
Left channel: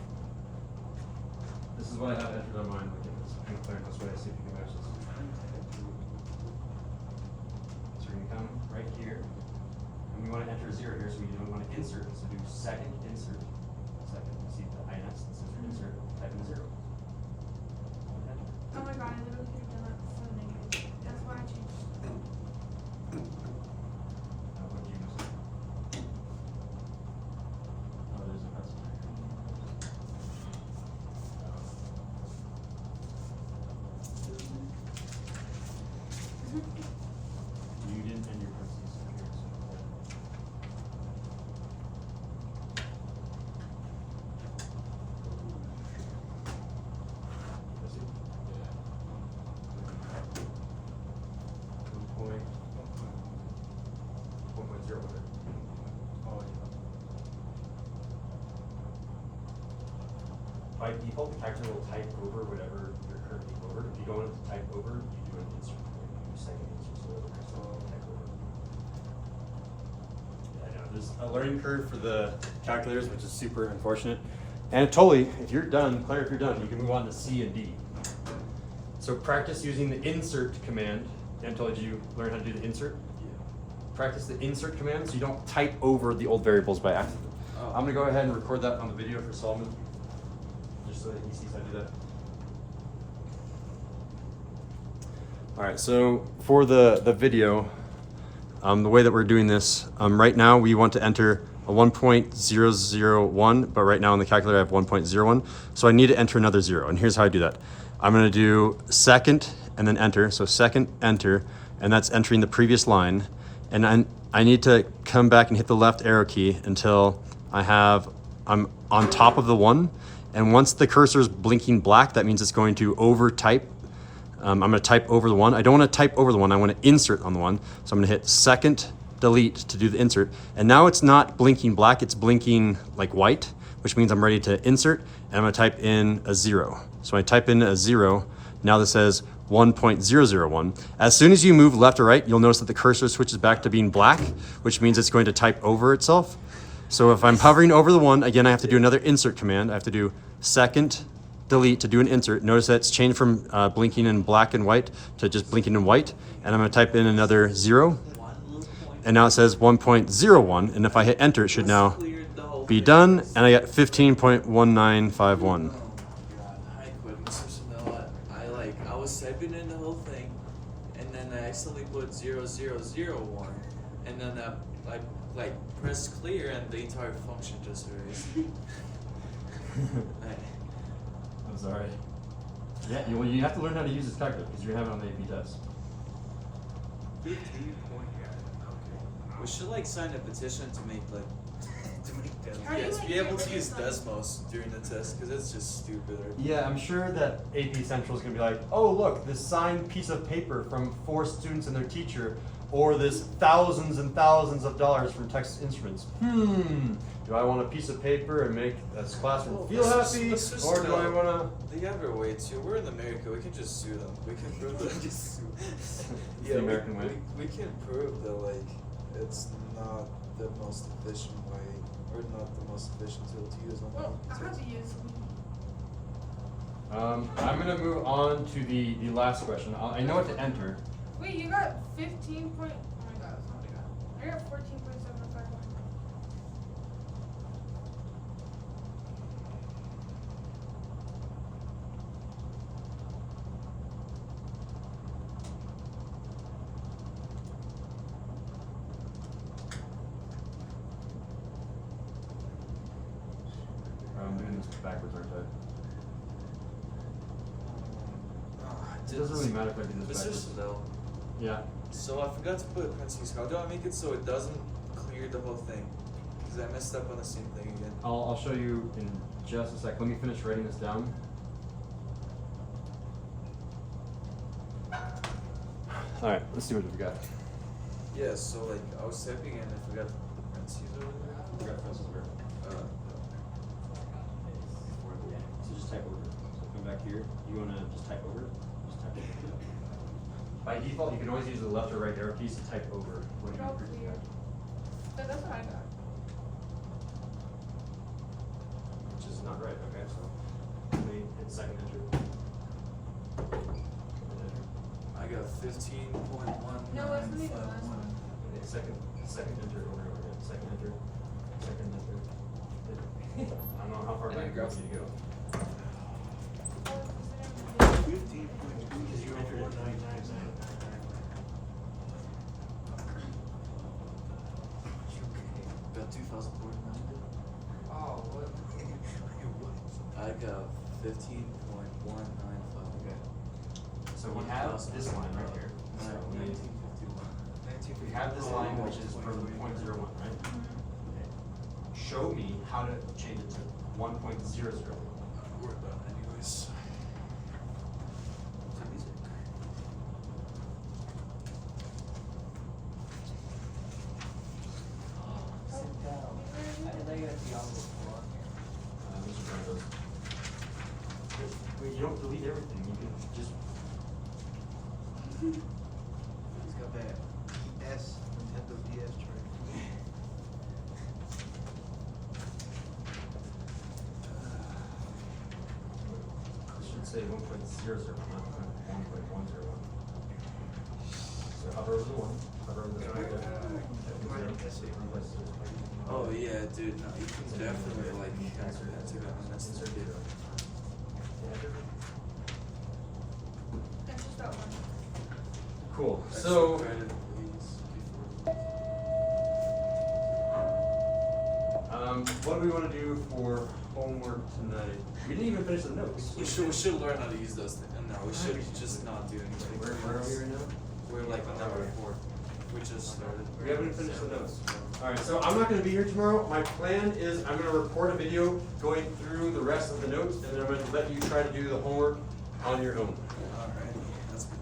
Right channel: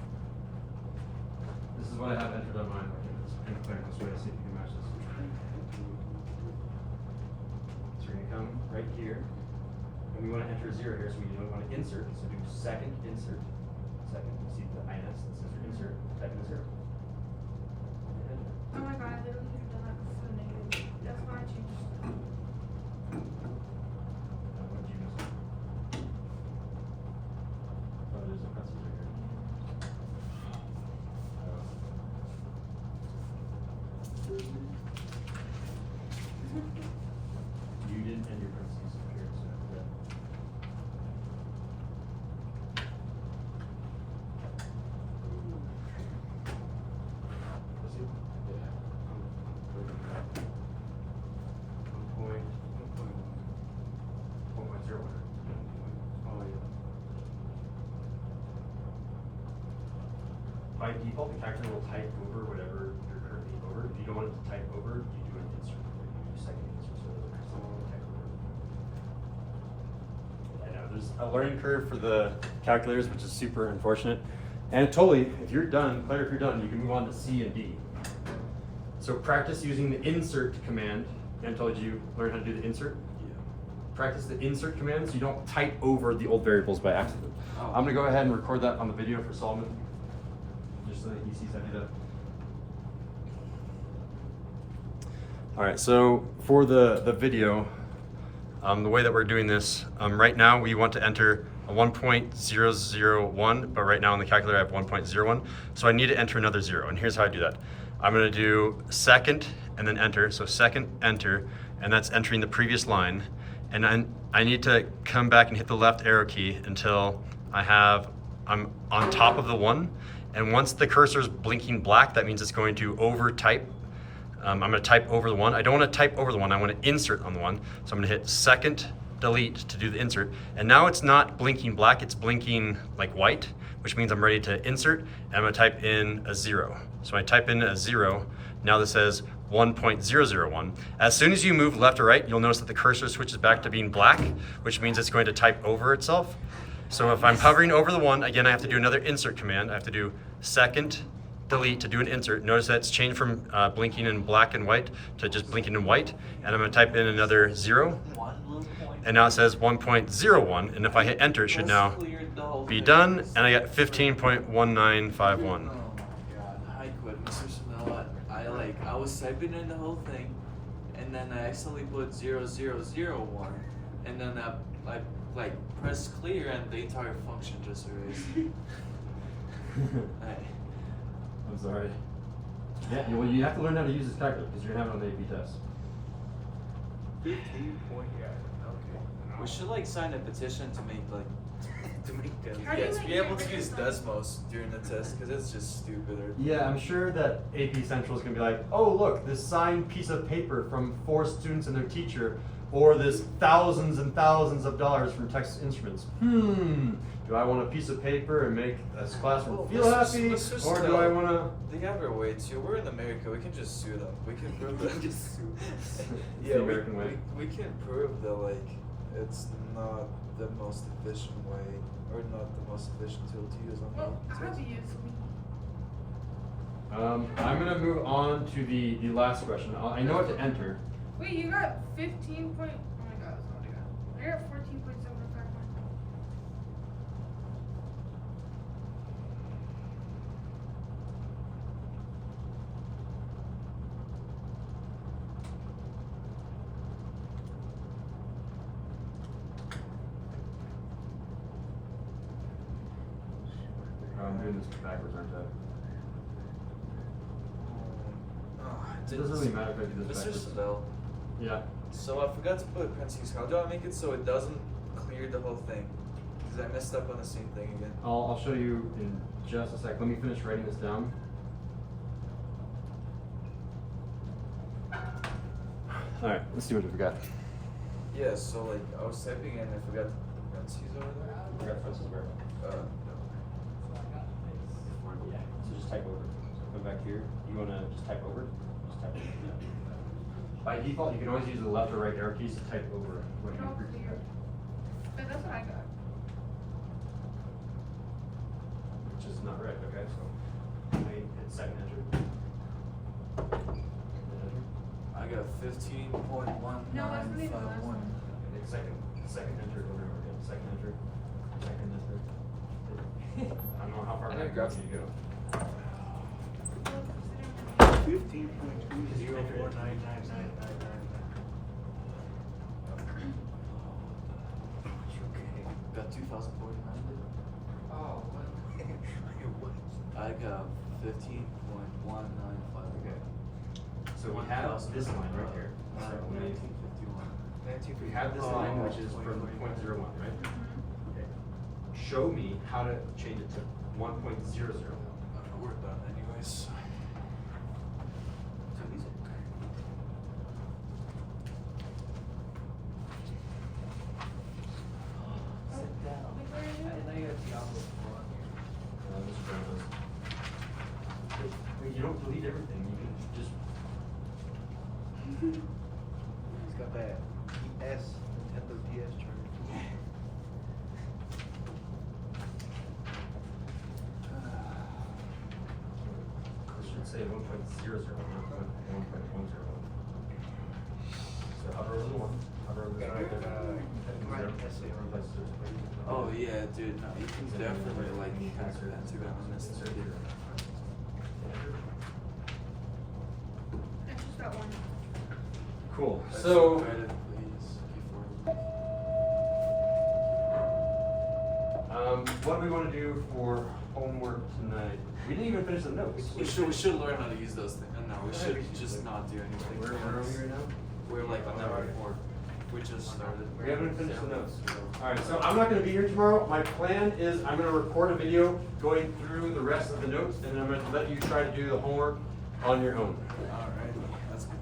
This is what I have entered on mine. Okay, let's clear this way to see if you can match this. So we're gonna come right here, and we want to enter 0 here, so we don't want to insert. So do second insert. Second, you see the INS, this is insert, type in 0. Oh my god, I literally could have done that before the negative. That's why I changed. You didn't end your parentheses here, so by default, the calculator will type over whatever you're currently over. If you don't want it to type over, you do an insert. You do second insert so that the next one will type over. I know there's a learning curve for the calculators, which is super unfortunate. And totally, if you're done, Claire, if you're done, you can move on to C and D. So practice using the insert command. Dan told you learn how to do the insert. Yeah. Practice the insert command so you don't type over the old variables by accident. Oh. I'm gonna go ahead and record that on the video for Solomon, just so that he sees how to do that. All right, so for the video, the way that we're doing this, right now we want to enter a 1.001, but right now on the calculator I have 1.01. So I need to enter another 0, and here's how I do that. I'm gonna do second and then enter. So second, enter, and that's entering the previous line. And I need to come back and hit the left arrow key until I'm on top of the 1. And once the cursor is blinking black, that means it's going to over type. I'm gonna type over the 1. I don't wanna type over the 1, I wanna insert on the 1. So I'm gonna hit second, delete to do the insert. And now it's not blinking black, it's blinking like white, which means I'm ready to insert, and I'm gonna type in a 0. So I type in a 0, now this says 1.001. As soon as you move left or right, you'll notice that the cursor switches back to being black, which means it's going to type over itself. So if I'm hovering over the 1, again, I have to do another insert command. I have to do second, delete to do an insert. Notice that it's changed from blinking in black and white to just blinking in white. And I'm gonna type in another 0. And now it says 1.01. And if I hit enter, it should now be done. And I got 15.1951. I was typing in the whole thing, and then I accidentally put 0001, and then I like pressed clear, and the entire function just erased. I'm sorry. Yeah, well, you have to learn how to use this calculator because you're having on the AP test. 15 point, yeah, okay. We should like sign a petition to make like To make them. Are you, yes, like, be able to doing use it? Desmos during the test because it's just stupid. Yeah, I'm sure that AP Central is going to be like, oh, look, this signed piece of paper from 4 students and their teacher, or this thousands and thousands of dollars from Texas Instruments. Do I want a piece of paper and make this classroom feel happy, or do I want to... They have their way too. We're in America. We can just sue them. We can prove that. The Yeah, American way. we can prove that like it's not the most efficient way, or not the most efficient tool to use on Well, I the have to use. I'm going to move on to the last question. I know what to enter. Wait, you got 15 point. Oh my god, that's not what I got. I got 14.751. I'm doing this backwards, aren't I? It doesn't really matter if I do this Mr. backwards. Sindel, Yeah. so I forgot to put parentheses. How do I make it so it doesn't clear the whole thing? Because I messed up on the same thing again. I'll show you in just a sec. Let me finish writing this down. All right, let's see what we got. Yeah, so like I was typing and I forgot to put parentheses over there. We got Francis where? So just type over. So come back here. You want to just type over? Just type over. By default, you can always use the left or right arrow keys to type over what you Oh, previously clear. had. That's what I got. Which is not right, okay? So let me hit second enter. I got 15.1951. No, it's not even the last one. Hit second enter over and over again. Second enter. Second enter. I don't know how far back you need to go. 15.204999999. Got 2,049. Oh, what? I got 15.195. Okay. So we have this line right here. So 1951. we have this line which is from 0.01, right? Okay. Show me how to change it to 1.00. We're done anyways. You don't delete everything. You can just. He's got that DS, Nintendo DS tray. It should say 1.00, not 1.10. So hover over the 1. Hover over the 0. Oh yeah, dude. No, you can definitely like hack that to be honest. Insert 0. That's just that one. Cool. That's So. credit, please. what do we want to do for homework tonight? We didn't even finish the notes. We should learn how to use those things. No, we should just not do anything. Where are we right now? We're like on number 4. We just started. We haven't finished the notes. Alright, so I'm not gonna be here tomorrow. My plan is I'm gonna record a video going through the rest of the notes, and then I'm gonna let you try to do the homework on your own. Alright, that's good.